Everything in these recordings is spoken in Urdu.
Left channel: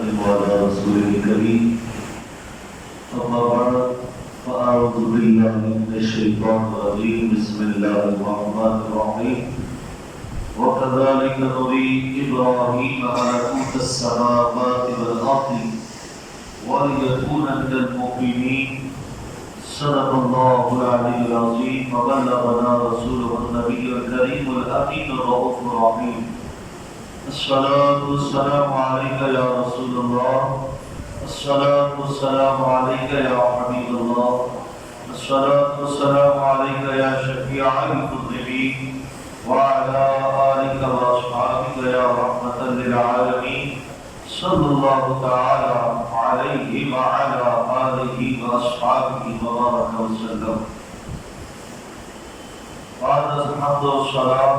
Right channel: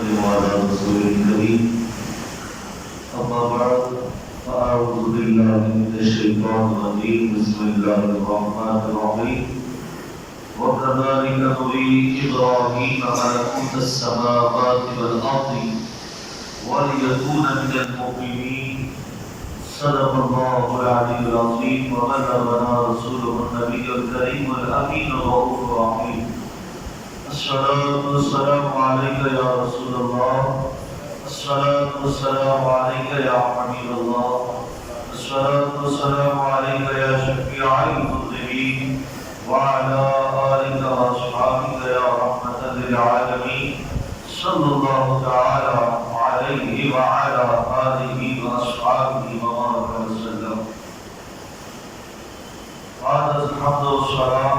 وسلم على رسوله الكريم أما بعد فأعوذ بالله من الشيطان الرجيم بسم الله الرحمن الرحيم وكذلك نري إبراهيم ملكوت السماوات والأرض وليكون من المؤمنين صدق الله العلي العظيم وبلغنا رسوله النبي الكريم الأمين الرؤوف الرحيم الصلاة والسلام عليك يا رسول الله الصلاة والسلام عليك يا حبيب الله الصلاة والسلام عليك يا شفيع المذنبين وعلى آلك وأصحابك يا رحمة للعالمين صلى الله تعالى عليه وعلى آله وأصحابه وبارك وسلم. بعد الحمد والصلاة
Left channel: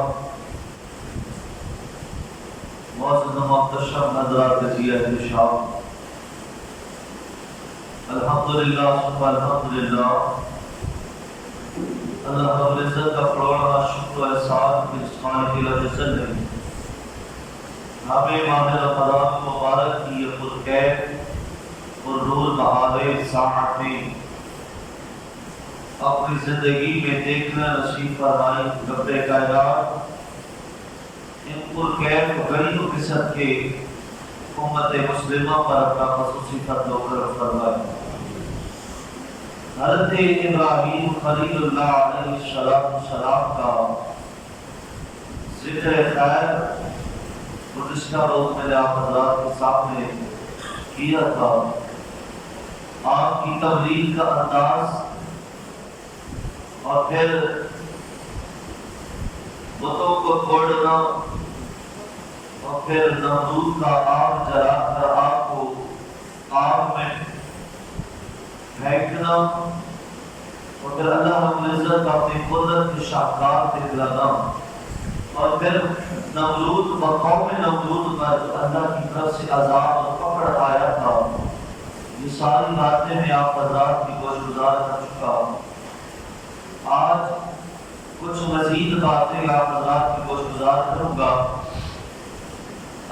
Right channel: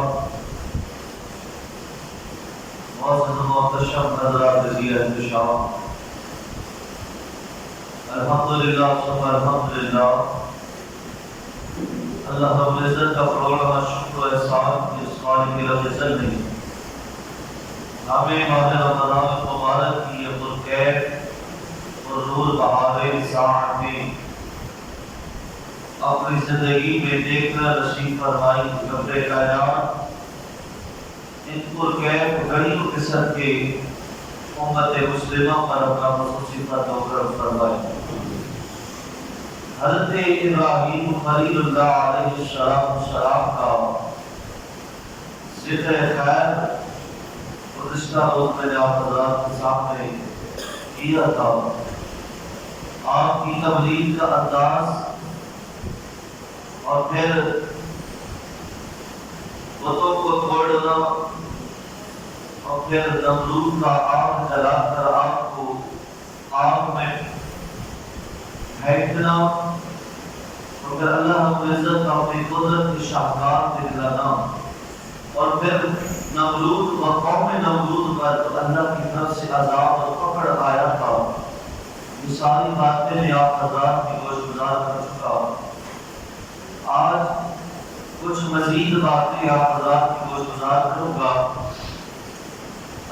معزز محتشم حضرات زیرت شاہ الحمدللہ ثم الحمدللہ اللہ رب العزت کا کروڑا شکر و احسان کی اسمان کی رب العزت نے ہمیں ماہ رمضان مبارک کی یہ پرخیر اور نور بہارے ساعت میں اپنی زندگی میں دیکھنا نصیب فرمائی. رب کائنات ان پرخیر غریب قسم کے امت مسلمہ پر اپنا خصوصی فرد و کرم فرمائے. حضرت ابراہیم خلیل اللہ علیہ السلام کا ذکر خیر اور اس کا روز میں نے آپ حضرات کے سامنے کیا تھا. آپ کی تبلیغ کا انداز اور پھر بتوں کو توڑنا اور پھر نمرود کا آگ جلا کر آپ کو آگ میں پھینکنا اور پھر اللہ رب العزت اپنی قدرت کی شاہکار دکھلانا اور پھر نمرود و قوم نمرود پر اللہ کی طرف سے عذاب اور پکڑ آیا تھا. یہ ساری باتیں میں آپ حضرات کی گوش گزار کر چکا. آج کچھ مزید باتیں آپ حضرات کی گوش گزار کروں گا.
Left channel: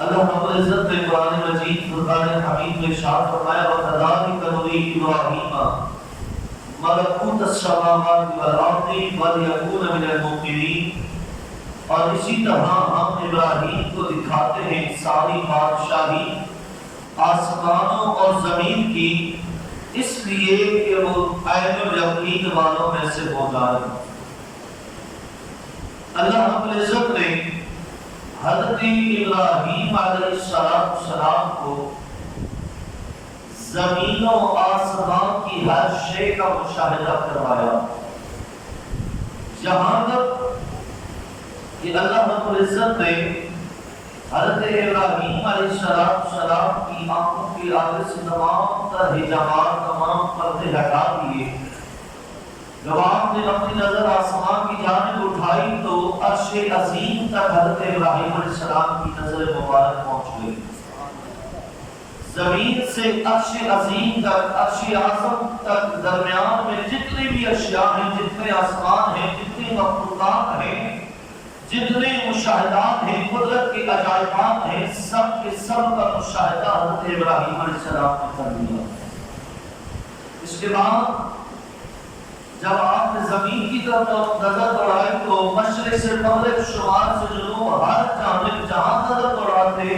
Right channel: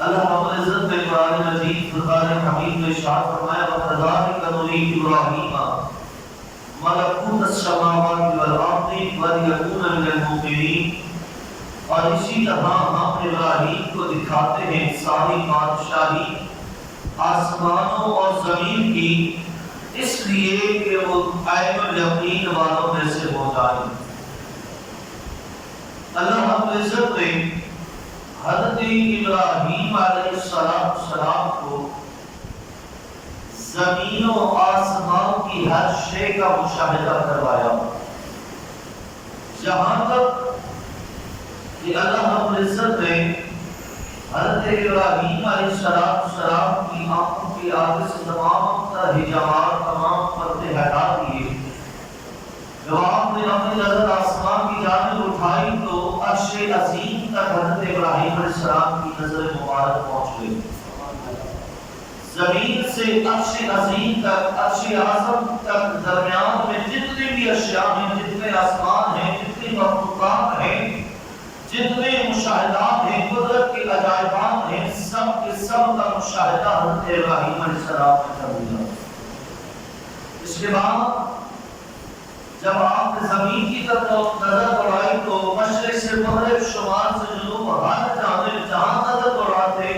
اللہ رب العزت نے قرآن مجید فرقان حمید میں ارشاد فرمایا وَكَذَلِكَ نُرِي إِبْرَاهِيمَ مَلَكُوتَ السَّمَاوَاتِ وَالْأَرْضِ وَلِيَكُونَ مِنَ الْمُوقِنِينَ. اور اسی طرح ہم ابراہیم کو دکھاتے ہیں ساری بادشاہی آسمانوں اور زمین کی اس لیے کہ وہ عین الیقین والوں میں سے ہو جائے. اللہ رب العزت نے حضرت ابراہیم علیہ السلام کو زمین و آسمان کی ہر شے کا مشاہدہ کروایا. جہاں تک کہ اللہ رب العزت نے حضرت ابراہیم علیہ السلام کی آنکھوں کی آگے سے تمام تر حجابات تمام پردے ہٹا دیے. جب آپ نے اپنی نظر آسمان کی جانب اٹھائی تو عرش عظیم تک حضرت ابراہیم علیہ السلام کی نظر مبارک پہنچ گئی. زمین سے عرش عظیم تک عرش اعظم تک درمیان میں جتنے بھی اشیاء ہیں جتنے آسمان ہیں جتنے مخلوقات ہیں جتنے مشاہدات ہیں قدرت کے عجائبات ہیں سب کے سب کا مشاہدہ حضرت ابراہیم علیہ السلام نے کر لیا. اس کے بعد جب آپ نے زمین کی طرف نظر دوڑائی تو مشرق سے مغرب شمال سے جنوب ہر جانب جہاں نظر دوڑاتے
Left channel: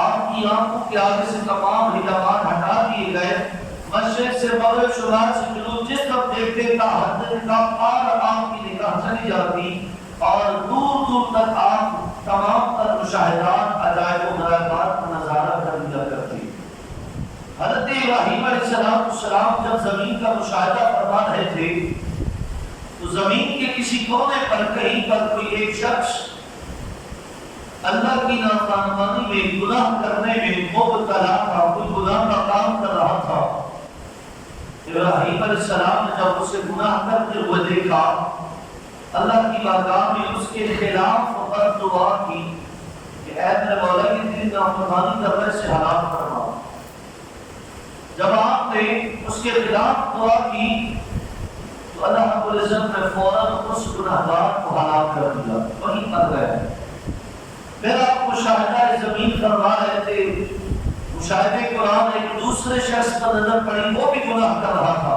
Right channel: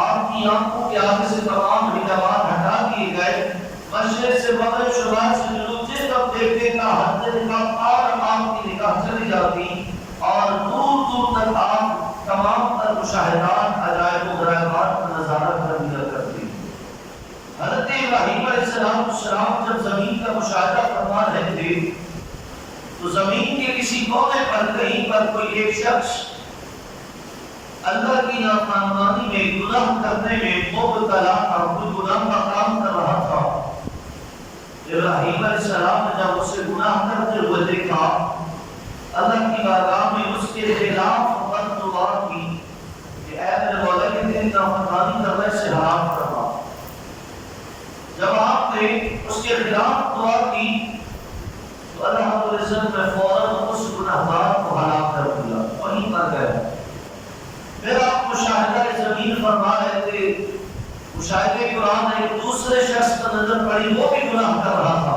آپ کی آنکھوں کے آگے سے تمام حجابات ہٹا دیے گئے. مشرق سے مغرب شمال سے جنوب جس طرف دیکھتے کا حد نگاہ اور آپ کی نگاہ چلی جاتی اور دور دور تک آپ تمام تر مشاہدات عجائب و غرائبات کا نظارہ کر لیا کرتے. حضرت ابراہیم علیہ السلام جب زمین کا مشاہدہ فرما رہے تھے تو زمین کے کسی کونے پر کہیں پر کوئی ایک شخص اللہ کی نافرمانی میں گناہ کرنے میں مبتلا تھا. کوئی گناہ کا کام کر رہا تھا. ابراہیم علیہ السلام نے جب اسے گناہ کرتے ہوئے دیکھا اللہ کی بارگاہ میں اس کے خلاف فقط دعا کی کہ اے میرے مولا کی تیری نافرمانی کر رہے سے حرام فرما. جب آپ نے اس کے خلاف دعا کی تو اللہ رب العزت نے فوراً اس گناہگار کو ہلاک کر دیا. وہیں کر گیا. پھر آپ مشاہدہ زمین فرما رہے تھے مشاہدے قرآن ایک دوسرے شخص کا نظر پڑی، وہ بھی گناہ کر رہا تھا،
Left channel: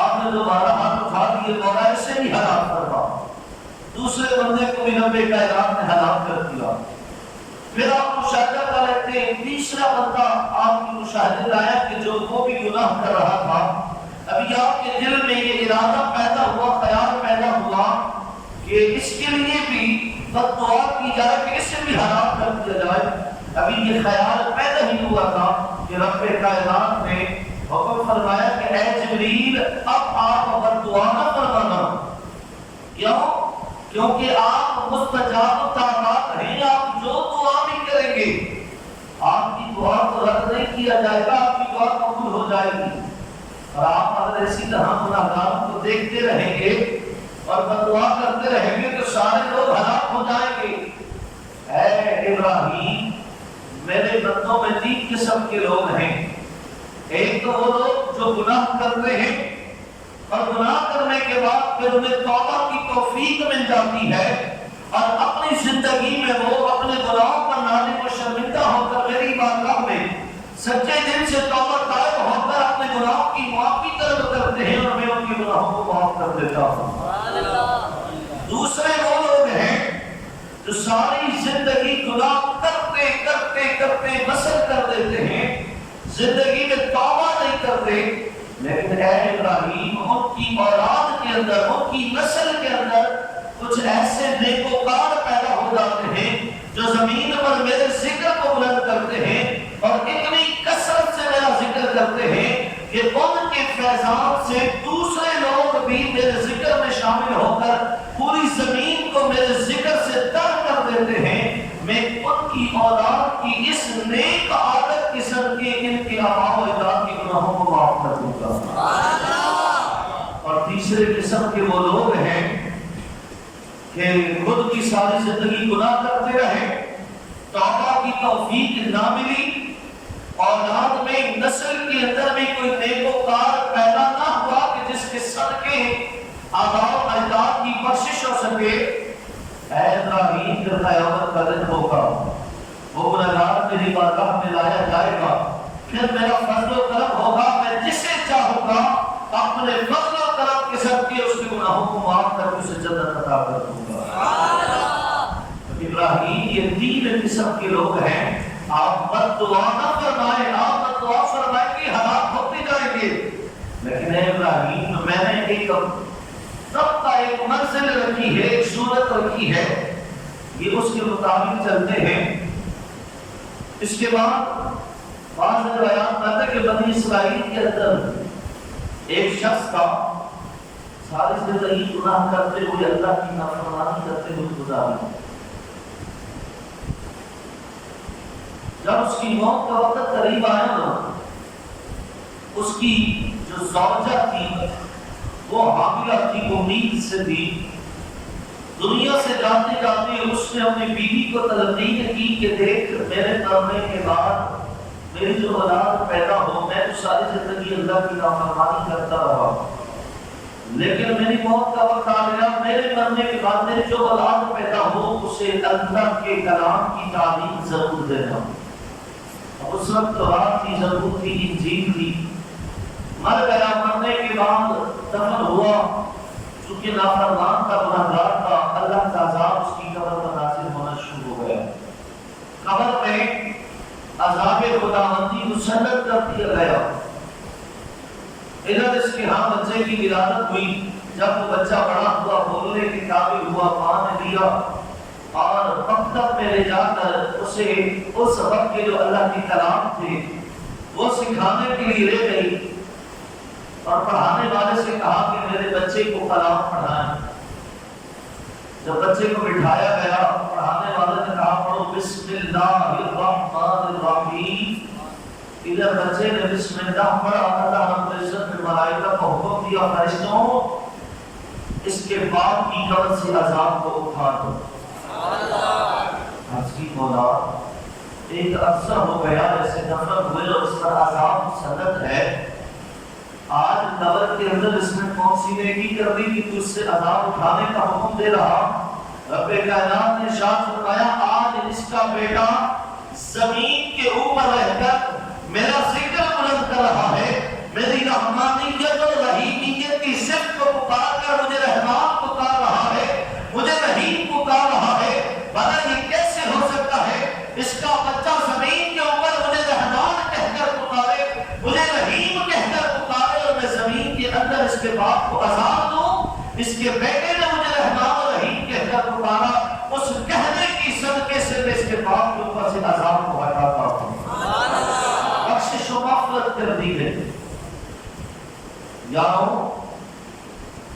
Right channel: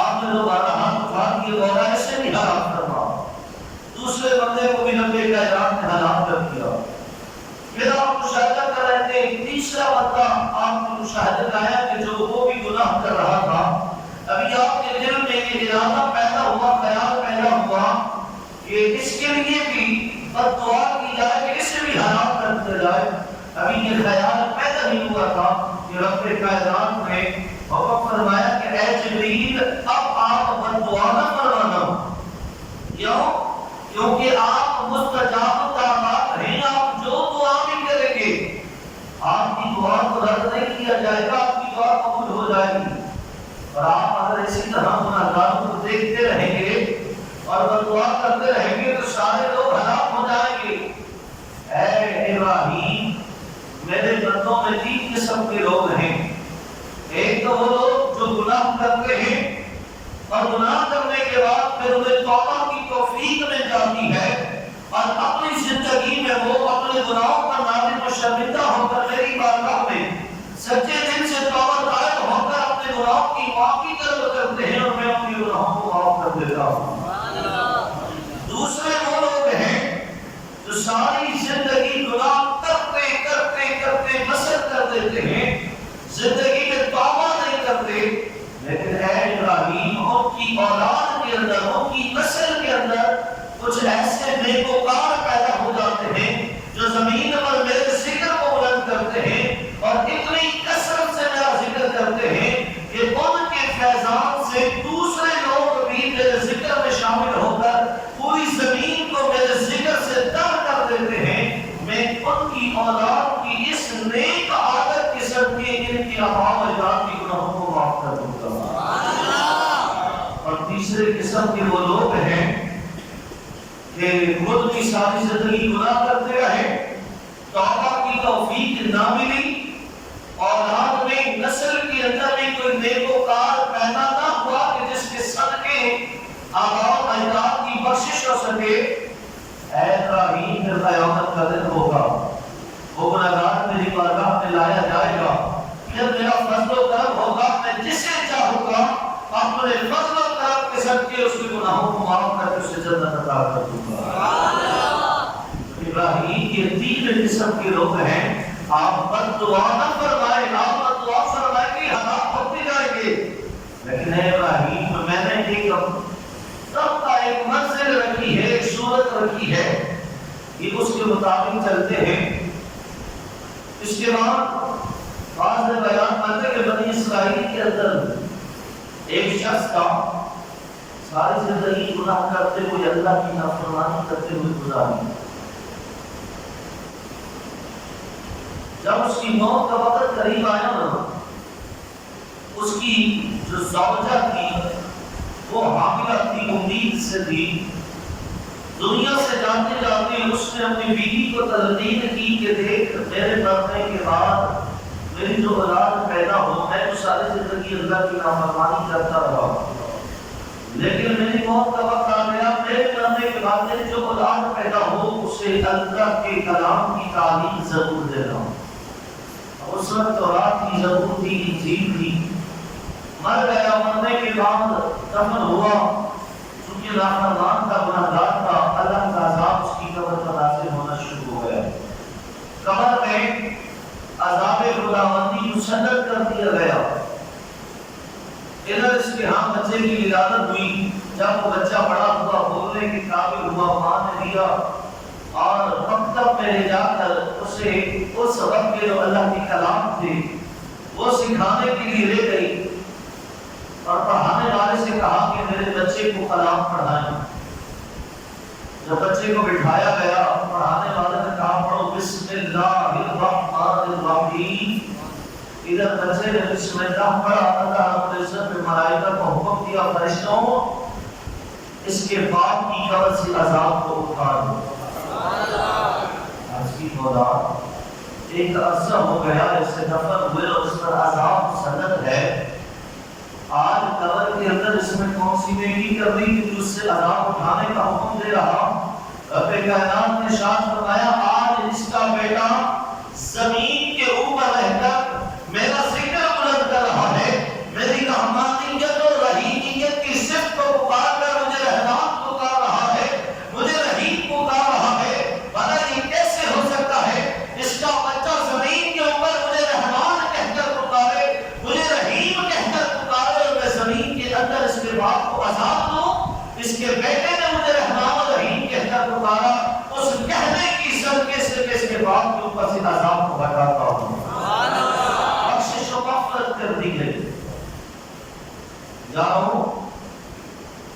آپ نے دوبارہ ہاتھ اٹھا دیے، مولا ایسے نہیں ہلاک کرنا، دوسرے بندے کو بھی نبی کائنات نے ہلاک کر دیا۔ پھر آپ مشاہدہ کر رہے تھے، تیسرا بندہ آپ کی مشاہدے لایا کہ جو وہ بھی گناہ کر رہا تھا، ابھی آپ کے دل میں یہ ارادہ پیدا ہوا، خیال پیدا ہوا کہ اس کے لیے بھی بد دعا کی جائے کہ اسے بھی ہلاک کر دیا جائے۔ ابھی یہ خیال پیدا ہی ہوا تھا کہ رب کائنات نے حکم فرمایا کہ اے جبریل اب آپ بد دعا نہ فرمانا، کیوں؟ کیونکہ آپ مستجاب طاعات ہیں، آپ جو دعا بھی کریں گے آپ کی دعا کو رد نہیں کیا جائے گا، آپ کی دعا قبول ہو جائے گی۔ اور آپ اگر اسی طرح گناہگاروں کو دیکھتے رہیں گے اور بد دعا کرتے رہیں گے تو سارے لوگ ہلاک ہو جائیں گے۔ اے ابراہیم، میرے بندوں میں 3 قسم کے لوگ ہیں، ایک تو وہ لوگ جو گناہ کرتے ہیں اور گناہ کرنے کے بعد پھر انہیں توبہ کی توفیق مل جاتی ہے اور اپنی زندگی میں وہ اپنے گناہوں پر نادم و شرمندہ ہو کر میری بارگاہ میں سچے دل سے توبہ طائب ہو کر اپنے گناہوں کی معافی طلب کرتے ہیں اور میں ان کے گناہوں کو معاف کر دیتا ہوں۔ دوسرے وہ لوگ ہیں جو ساری زندگی گناہ کرتے کرتے کرتے بسر کر دیتے ہیں، زندگی میں توبہ نہیں کرتے، لیکن اے ابراہیم ان کی اولاد کے اندر، ان کی نسل کے اندر کچھ ایسے نیکوکار پیدا ہو جاتے ہیں جو زمین پر میرے ذکر کو بلند کرتے ہیں اور اتنی کثرت سے میرا ذکر کرتے ہیں کہ ان کے فیضان سے دوسرے لوگ بھی میرے ذکر میں شامل ہو کر پوری زمین کو میرے ذکر سے تر کر دیتے ہیں۔ میں ان کی اولاد کی اس نیک عادت قسم کے ان کی آباء و اجداد کی گناہوں کو معاف کر دوں گا۔ اور تیسرے قسم کے وہ لوگ ہیں کہ خود کی ساری زندگی گناہ کرتے رہے، توبہ کی توفیق نہ ملی، اولاد میں نسل کے اندر میں کوئی نیکوکار پیدا نہ ہوا کہ جس کے صدقے آباء و اجداد کی بخشش ہو سکے۔ اے ابراہیم، پھر قیامت کا دن ہوگا، وہ گنہگار میری بارگاہ میں لایا جائے گا، پھر میرا فضل و کرم ہوگا، میں جسے چاہوں گا اپنے فضل و کرم کے صدقے اس کے گناہوں کو معاف کر کے اسے جنت عطا کر دوں گا۔ ابراہیم یہ 3 قسم کے لوگ ہیں، آپ بد دعا نہ فرمائیں، آپ بد دعا فرمائیں گے ہلاک ہوتے جائیں گے، لیکن اے ابراہیم میں نے ایک رب کا ایک منزل رکھی ہے، ایک صورت رکھی ہے، یہ اس کے مطابق چلتے ہیں۔ اس کے بعد بعض نے بیان کرتے کہ بنی اسرائیل کے اندر ایک شخص تھا، ساری زندگی گناہ کرتے ہوئے اللہ کی نافرمانی کرتے ہوئے گزاری۔ جب اس کی موت کا وقت قریب آیا نا، اس کی جو زوجہ تھی وہ حاملہ تھی، امید سے تھی، دنیا سے جاتے جاتے اس نے اپنی بیوی کو تلقین کی کہ دیکھ میرے مرنے کے بعد میری جو اولاد پیدا ہو، میں تو ساری زندگی اللہ کی نافرمانی کرتا رہا، لیکن میری موت کا وقت آ گیا، میرے مرنے کے بعد میری جو اولاد پیدا ہو اسے اللہ کے کلام کی تعلیم ضرور دینا۔ اس وقت تورات کی ضرورت تھی، انجیل تھی، مر گیا، مرنے کے بعد دفن ہوا، چونکہ نافرمان کا، گنہگار تھا، اللہ کا عذاب اس کی قبر پر نازل ہونا شروع ہو گیا۔ قبر میں عذاب خداوندی مسلط کر دیا گیا۔ ادھر اس کے ہاں بچے کی ولادت ہوئی، جب وہ بچہ بڑا ہوا، بولنے کے قابل ہوا، ماں نے لیا اور مکتب میں لے جا کر اسے اس وقت کے جو اللہ کے کلام تھے وہ سکھانے کے لیے لے گئی اور پڑھانے والے سے کہا کہ میرے بچے کو کلام پڑھائیں۔ جب بچے کو بٹھایا گیا، پڑھانے والے نے کہا پڑھو بسم اللہ الرحمن الرحیم۔ ادھر بچے نے بسم اللہ پڑھا، اللہ رب العزت نے ملائکہ کو حکم دیا فرشتوں اس کے بعد کی قبر سے عذاب کو اٹھا دو۔ آج کی مولا ایک عرصہ ہو گیا ایسے دفن ہوئے اور اس پر عذاب مسلط ہے، آج قبر کے اندر اس میں کون سی نیکی کر دی کہ اس سے عذاب اٹھانے کا حکم دے رہا؟ رب کائنات نے ارشاد فرمایا آج اس کا بیٹا زمین کے اوپر رہ کر اس کے بیٹے نے مجھے رحمان الرحیم کہہ کر پکارا، اس کہنے کی صدقے سے میں اس کے باپ کے اوپر سے عذاب کو ہٹاتا ہوں، بخشش و مغفرت کر دی گئی۔ یارو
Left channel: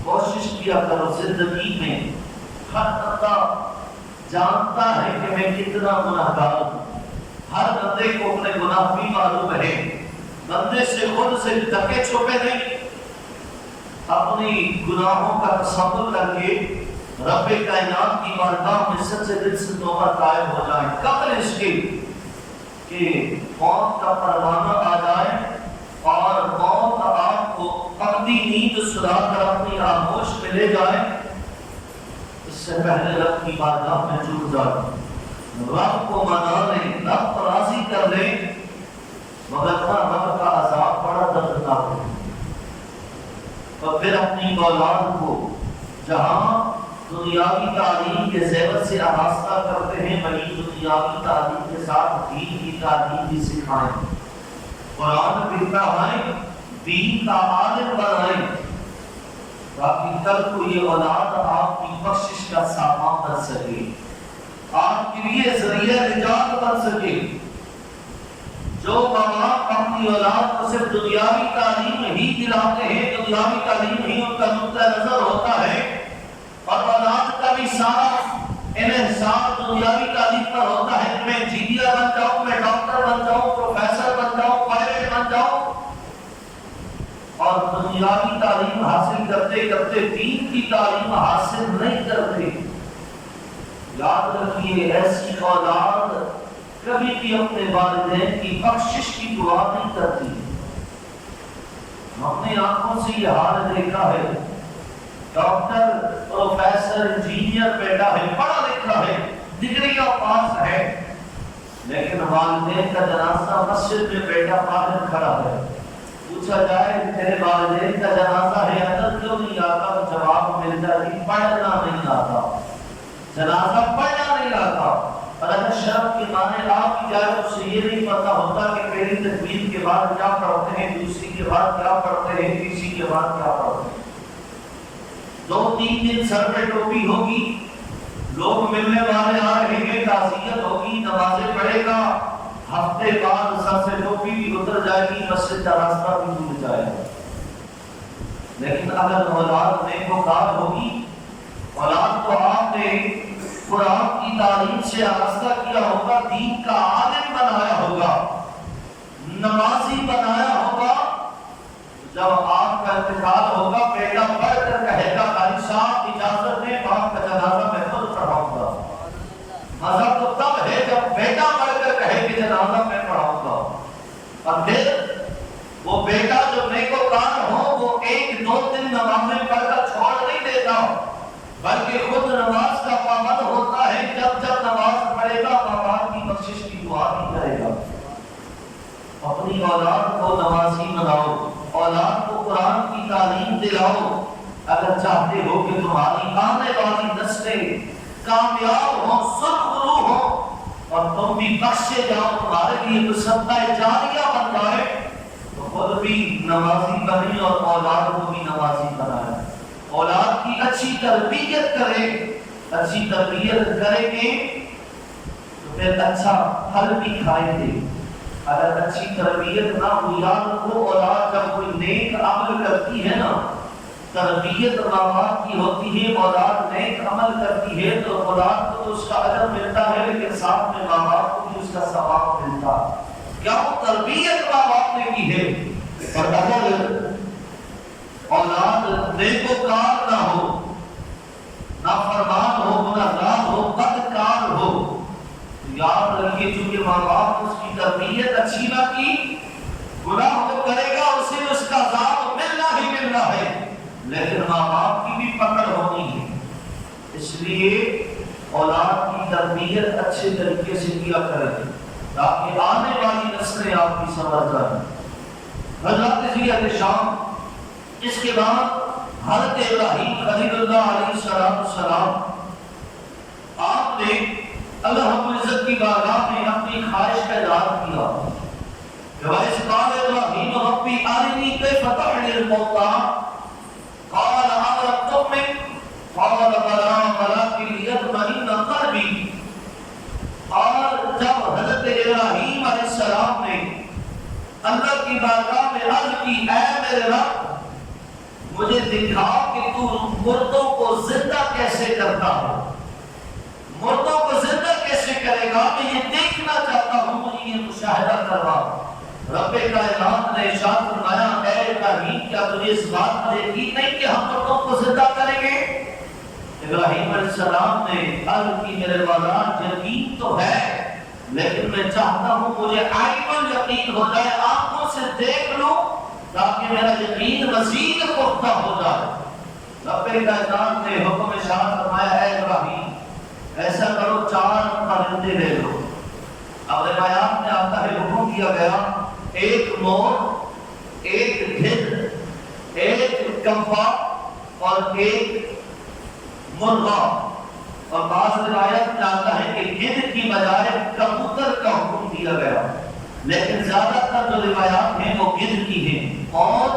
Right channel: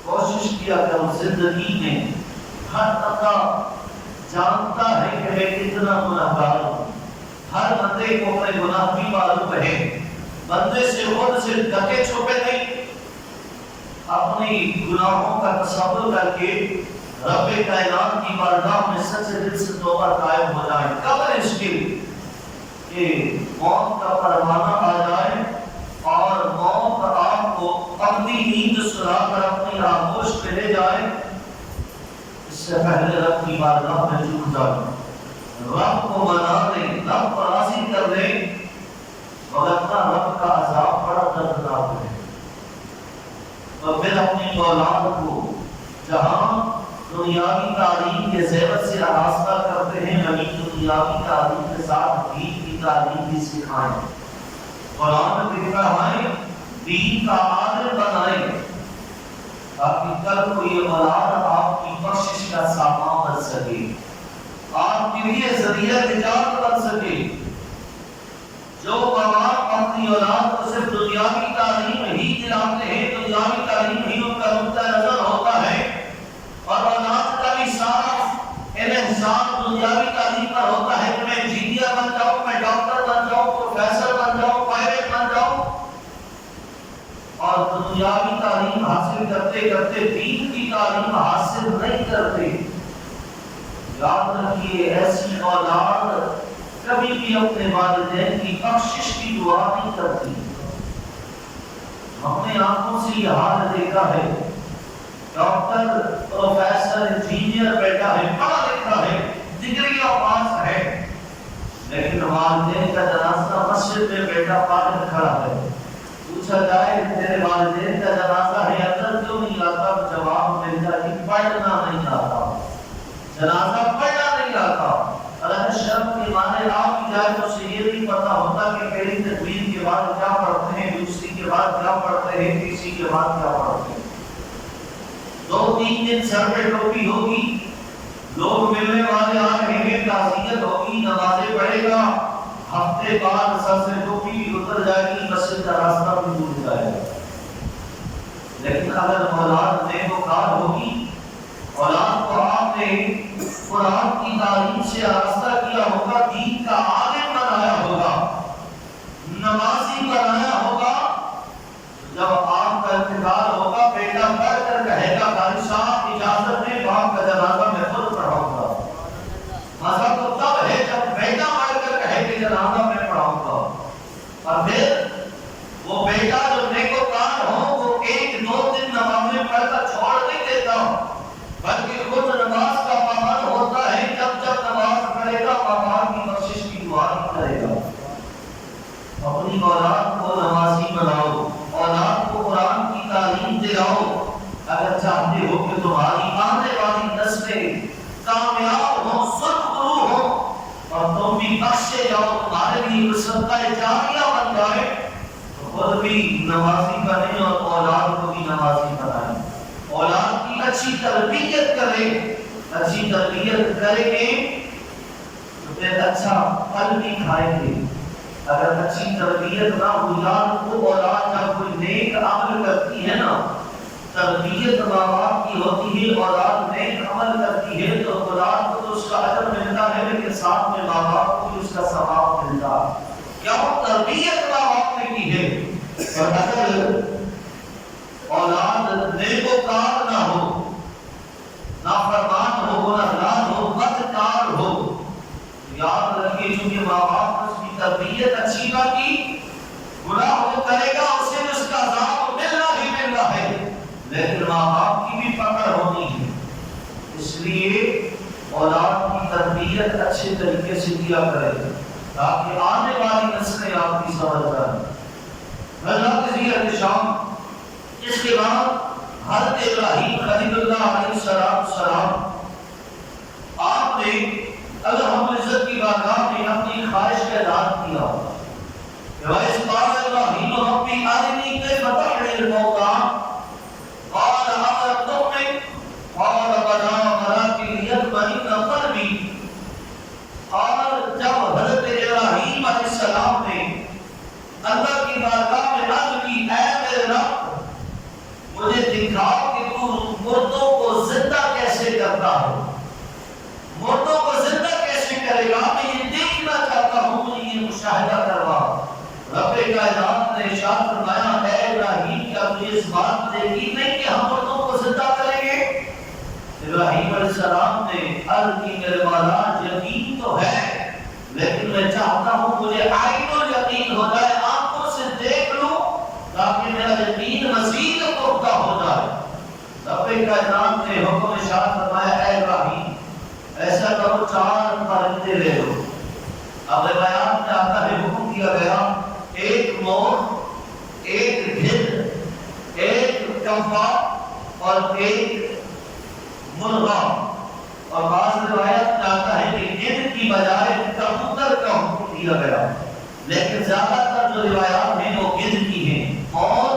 کوشش کیا کرو زندگی میں، ہر بندہ جانتا ہے کہ میں کتنا گناہگار ہوں، ہر بندے کو اپنے گناہ بھی معلوم ہے، بندے سے خود سے ڈکے چھپے نہیں، اپنی گناہوں کا تصور کر کے رب کائنات کی بارگاہ میں سچے دل سے توبہ طائب ہو جائیں، قبل اس کے کہ موت کا پروانہ آ جائے اور موت آپ کو اپنی نیند سلا کر اپنی آغوش میں لے جائے، اس سے پہلے رب کی بارگاہ میں جھک جائیں، رب کو منا لیں، رب کو راضی کر لیں، وگرنہ رب کا عذاب بڑا دردناک ہے۔ اور پھر اپنی اولاد کو جہاں دنیاوی تعلیم کے زیور سے آراستہ کرتے ہیں، وہیں دنیاوی تعلیم کے ساتھ دین کی تعلیم بھی سکھائیں، قرآن بھی پڑھائیں، دین کا عالم بنائیں، تاکہ کل کو یہ اولاد آپ کی بخشش کا سامان بن سکے، آپ کے لیے ذریعہ نجات بن سکے۔ جو باپ اپنی اولاد کو صرف دنیاوی تعلیم ہی دلاتے ہیں، دنیاوی تعلیم ہی ان کا نقطہ نظر ہوتا ہے، اور اولاد کا بھی سارا انحصار دنیاوی تعلیم پر ہوتا ہے کہ میں انجینئر بن جاؤں، میں ڈاکٹر بن جاؤں، پروفیسر بن جاؤں، پائلٹ بن جاؤں، اور دنیاوی تعلیم حاصل کرتے کرتے دین کی تعلیم حاصل نہیں کرتے۔ یاد رکھیے ایسی اولاد کبھی بھی اپنے والدین کی بخشش کی دعا نہیں کرتی۔ ہم نے آنکھوں سے یہ حال دیکھا ہے، ڈاکٹر، پروفیسر، انجینئر بیٹا ہے، پڑھا لکھا ہے، ڈگریاں پاس ہے، لیکن والدین کا جنازہ مسجد میں بیٹا پاگل کھڑا ہے، پوچھا جائے تیرے والدین کا جنازہ ہے اندر کیوں نہیں آتا، جواب مل جائے پڑھنا نہیں آتا، جنازہ پڑھنا نہیں آتا۔ اور اگر شرم کے معنی آپ کی جائے تو اسے یہ نہیں پتا ہوتا کہ پہلی تکبیر کے بعد کیا پڑھتے ہیں، دوسری کے بعد کیا پڑھتے ہیں، تیسری کے بعد کیا پڑھتے ہیں۔ 2-3 دن سر پہ ٹوپی ہوگی، لوگ ملنے والے آ رہے ہیں، تعزیت ہوگی، نمازیں پڑھے گا، ہفتے بعد سر سے ٹوپی بھی اتر جائے گی، مسجد کا راستہ بھی دور جائے گا۔ لیکن اگر اولاد نیکوکار ہوگی، اولاد کو آپ نے قرآن کی تعلیم سے آراستہ کیا ہوگا، دین کا عالم بنایا ہوگا، نمازی بنایا ہوگا، جب آپ کا انتقال ہوگا بیٹا پڑھ کر کہے گا قاری صاحب اجازت دیں باپ کا جنازہ میں خود پڑھاؤں گا۔ مزہ تو تب ہے جب بیٹا پڑھ کر کہے کہ جنازہ میں پڑھاؤں گا، اور پھر وہ بیٹا جو نیکوکار ہو وہ 1-2 دن نمازیں پڑھ کر چھوڑ نہیں دیتا، بلکہ خود نماز کا پابند ہوتا ہے، جب جب نماز پڑھے گا باپ کی بخشش کی دعا بھی کرے گا۔ اپنی اولاد کو نمازی بناؤ، اولاد کو قرآن کی تعلیم دلاؤ، اگر چاہتے ہو کہ تمہاری آنے والی نسلیں کامیاب ہوں، سرخرو ہوں، اور تم بھی بخشے جاؤ، تمہارے لیے صدقہ جاریہ بن جائے، تو خود بھی نمازی بنے اور اولاد کو بھی نمازی بنائے۔ اولاد کی اچھی تربیت کرے، اچھی تربیت کریں گے تو پھر اچھا پھل بھی کھائیں گے۔ اگر اچھی تربیت نہ ہو، یاد رکھو اولاد جب کوئی نیک عمل کرتی ہے نا، تربیت ماں باپ کی ہوتی ہے، اولاد نیک عمل کرتی ہے تو اولاد کو تو اس کا اجر ملتا ہے، لیکن ساتھ میں ماں باپ کو بھی اس کا ثواب ملتا ہے۔ کیا تربیت ماں باپ نے کی ہے؟ اور اگر اولاد نیکوکار نہ ہو، نافرمان ہو، گنہگار ہو، بدکار ہو، یاد رکھیے چونکہ ماں باپ نے اس کی تربیت اچھی نہ کی، گناہ وہ کرے گا، اسے اس کا عذاب ملنا ہی ملنا ہے، لیکن ماں باپ کی بھی پکڑ ہونی ہے۔ اس لیے اولاد کی تربیت اچھے طریقے سے کیا کریں تاکہ آنے والی نسلیں آپ کی سمجھ جائیں۔ حضرت علیہ شام، اس کے بعد حضرت ابراہیم خلیل اللہ علیہ السلام، آپ نے اللہ رب العزت کی بارگاہ میں اپنی خواہش کا اظہار کیا کہ وَإِذْ قَالَ إِبْرَاهِيمُ رَبِّ أَرِنِي كَيْفَ تُحْيِي الْمَوْتَىٰ قَالَ أَوَلَمْ تُؤْمِنْ رب مجھے دکھا کہ تو مردوں کو زندہ کیسے کرتا ہے، مردوں کو زندہ کیسے کرے گا، میں یہ دیکھنا چاہتا ہوں، مجھے یہ مشاہدہ کروا۔ رب کائنات نے ارشاد فرمایا اے ابراہیم کیا تجھے اس بات پر یقین نہیں کہ ہم مردوں کو زندہ کریں گے؟ ابراہیم علیہ السلام نے عرض کی میرے مولا یقین تو ہے لیکن میں چاہتا ہوں مجھے عین الیقین ہو جائے، آنکھوں سے دیکھ لوں تاکہ میرا یقین مزید پختہ ہو جائے۔ رب کائنات نے حکم ارشاد فرمایا اے ابراہیم ایسا کرو 4 پرندے لے لو۔ اب روایات میں آتا ہے حکم دیا گیا ایک مور، ایک گدھ، ایک کمپا اور ایک مرغا، اور بعض روایات میں آتا ہے کہ گدھ کی بجائے کبوتر کا حکم دیا گیا، لیکن زیادہ تر جو روایات ہیں وہ گدھ کی ہیں، اور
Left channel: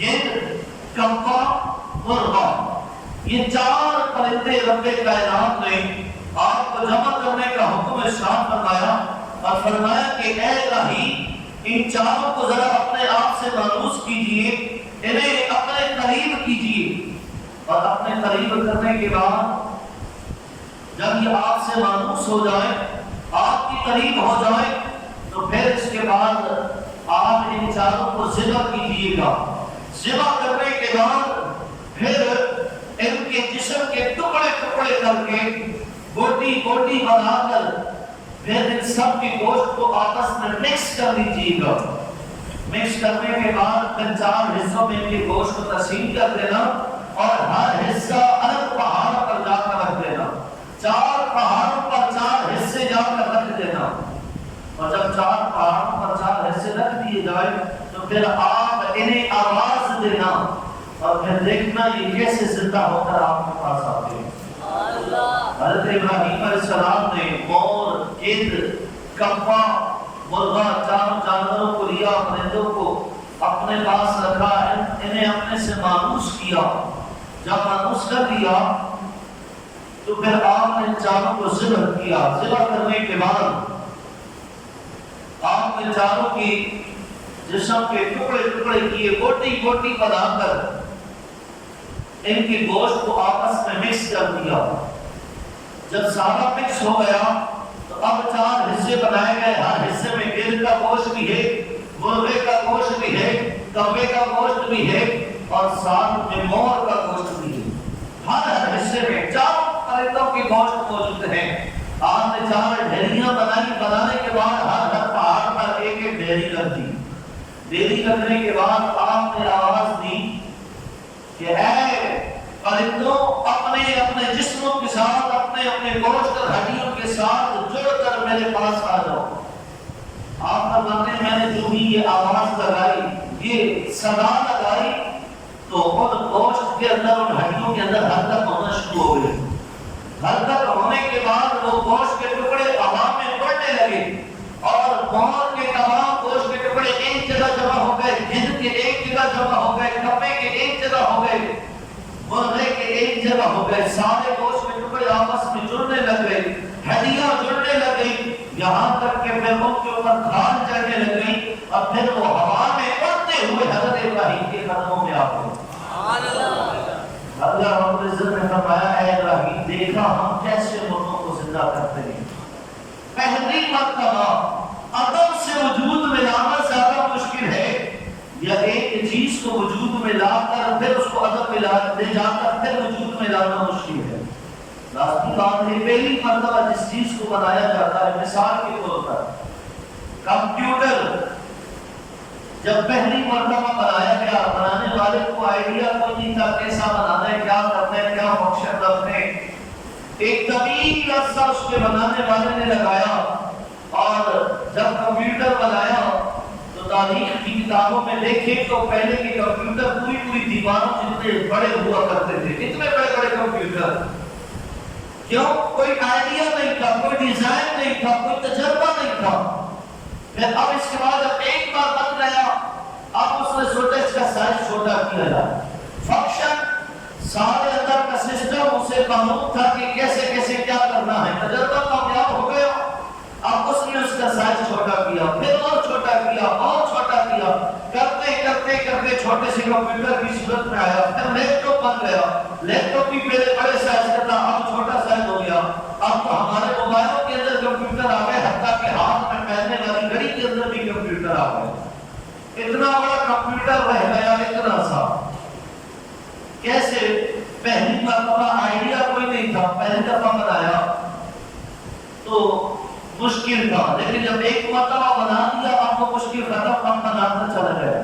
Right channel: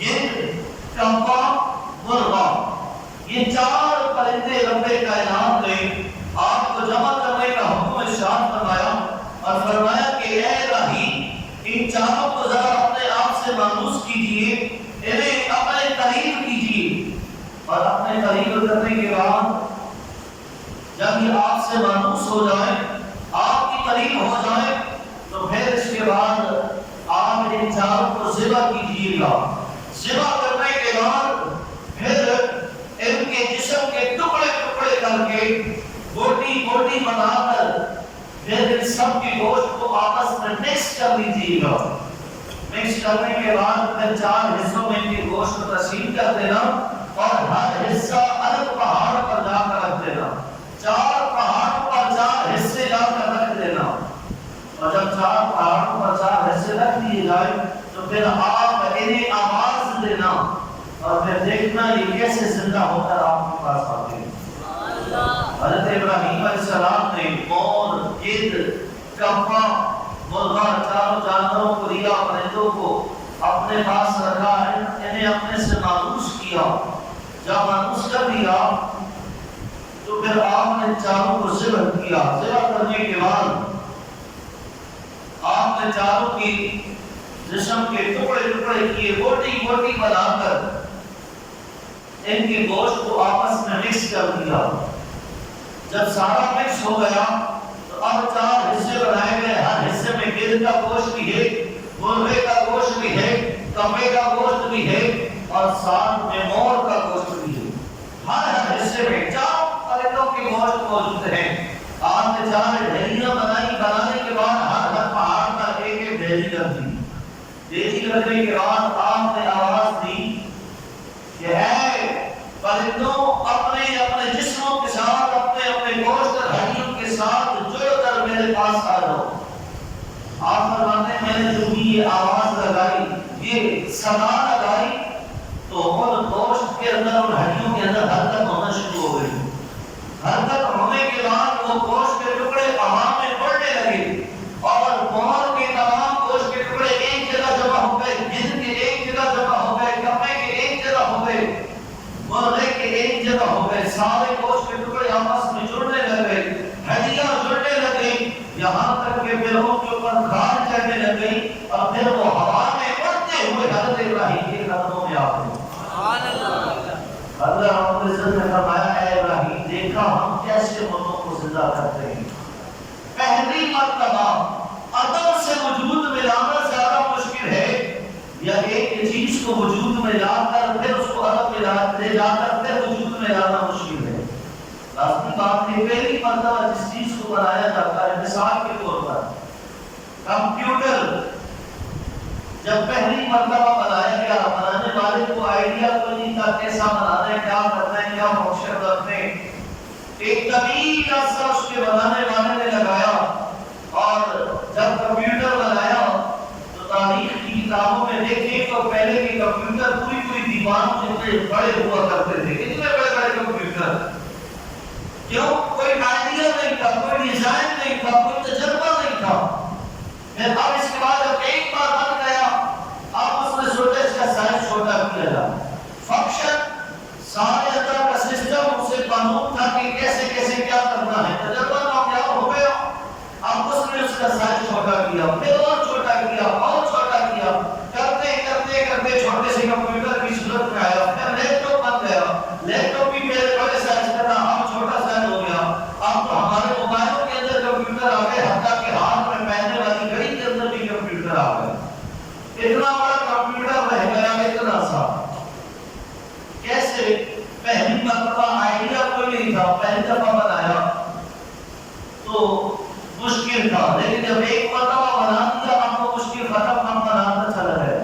گدھ، کمپا، مرغا، یہ 4 پرندے رب کائنات نے آپ کو جمع کرنے کا حکم ارشاد فرمایا اور فرمایا کہ اے ابراہیم ان 4 کو ذرا اپنے آپ سے مانوس کیجئے، انہیں اپنے قریب کیجئے، اور اپنے قریب کرنے کے بعد جب یہ آپ سے مانوس ہو جائیں، آپ کی قریب ہو جائیں، تو پھر اس کے بعد آپ ان 4 کو ذبح کیجئے گا۔ ذبح کرنے کے بعد پھر ان کے جسم کے ٹکڑے ٹکڑے کر کے بوٹی بوٹی بنا کر پھر ان سب کی گوشت کو آپس میں مکس کر لیجیے گا۔ مکس کرنے کے بعد پھر 4 حصوں میں ان کی گوشت کو تقسیم کر دینا اور ہر حصہ الگ پہاڑ پر جا کر رکھ دینا، 4 پہاڑوں پر 4 حصے جا کر رکھ دینا، اور جب 4 پہاڑوں پر 4 حصے رکھ دیے جائے تو پھر آپ انہیں آواز دینا اور پھر دیکھنا یہ کیسے زندہ ہو کر آپ کے پاس آتے ہیں۔ حضرت ابراہیم علیہ السلام نے مور، گدھ، کمپا، مرغا 4 جانوروں کو لیا، پرندوں کو اپنے پاس رکھا، انہیں اپنے سے مانوس کیا۔ جب مانوس کر دیا تو پھر آپ نے 4 کو ذبح کیا۔ ذبح کرنے کے بعد آپ نے 4 کی جسم کے ٹکڑے ٹکڑے کیے، بوٹی بوٹی بنا کر ان کی گوشت کو آپس میں مکس کر دیا۔ جب سارا مکس ہو گیا تو اب 4 حصے بنائے گئے، ہر حصے میں گدھ کا گوشت بھی ہے، مرغے کا گوشت بھی ہے، کبے کا گوشت بھی ہے، اور ساتھ میں مور کا گوشت بھی ہے۔ ہر حصے میں 4 پرندوں کی گوشت موجود ہے۔ آپ نے 4 ڈھیریاں بنائی، بنانے کے بعد ہر پہاڑ پر ایک ایک ڈھیری رکھ دی۔ ڈھیری رکھنے کے بعد آپ نے آواز دی کہ اے پرندوں اپنے اپنے جسموں کے ساتھ، اپنے اپنے گوشت اور ہڈیوں کے ساتھ جڑ کر میرے پاس آ جاؤ۔ آپ فرماتے ہیں میں نے جو بھی یہ آواز لگائی، یہ صدا لگائی، تو ان گوشت کے اندر اور ہڈیوں کے اندر حرکت ہونا شروع ہو گئی۔ حرکت ہونے کے بعد وہ گوشت کے ٹکڑے ہوا میں اڑنے لگے، اور مور کے تمام گوشت کے ٹکڑے ایک جگہ جمع ہو گئے، گدھ کے ایک جگہ جمع ہو گئے، کپے کے ایک جگہ ہو گئے، مرغے کے ایک جگہ ہو گئے، سارے گوشت کے ٹکڑے آپس میں جڑنے لگ گئے، ہڈیاں جڑنے لگ گئی، یہاں تک کہ پھر ان کے اوپر کھال چڑھنے لگ گئی، اور پھر وہ ہوا میں اڑتے ہوئے حضرت ابراہیم کے قدموں میں آ گئے۔ سبحان اللہ۔ اللہ رب العزت نے فرمایا اے ابراہیم دیکھا ہم کیسے مردوں کو زندہ کرتے ہیں۔ پہلی مرتبہ عدم سے وجود میں لانا زیادہ مشکل ہے، یا ایک چیز کو وجود میں لا کر پھر اس کو عدم میں لے جا کر پھر وجود میں لانا مشکل ہے۔ لازمی بات ہے پہلی مرتبہ جس چیز کو بنایا جاتا ہے، مثال کے طور پر کمپیوٹر جب پہلی مرتبہ بنایا گیا، بنانے والے کو آئیڈیا کوئی نہیں تھا کیسا بنانا ہے، کیا کرنا ہے، کیا فنکشن رکھنے۔ ایک طویل عرصہ اس کے بنانے والے نے لگایا، اور جب کمپیوٹر بنایا تو تاریخ کی کتابوں میں دیکھیں تو پہلے کے کمپیوٹر پوری دیواروں جتنے بڑے ہوا کرتے تھے، اتنے بڑے بڑے کمپیوٹر۔ کیوں؟ کوئی آئیڈیا نہیں تھا، کوئی ڈیزائن نہیں تھا، کوئی تجربہ نہیں تھا۔ پھر اب اس کے بعد جب ایک بار بن گیا، اب اس نے سوچا اس کا سائز چھوٹا کیا جائے، فنکشن سارے اندر کا سسٹم اسے قانون تھا کہ کیسے کیسے کیا کرنا ہے، تجربہ کامیاب ہو گیا۔ اب اس نے اس کا سائز چھوٹا کیا، پھر اور چھوٹا کیا، اور چھوٹا کیا، کرتے کرتے کرتے چھوٹے آ گیا، اتنا بڑا کمپیوٹر رہ گیا اتنا سا. کیسے؟ پہلی مرتبہ آئیڈیا کوئی نہیں تھا، پہلی دفعہ بنایا تو مشکل تھا، لیکن جب ایک مرتبہ بنا دیا اب وہ مشکل ختم، ہم بناتا چلا گیا.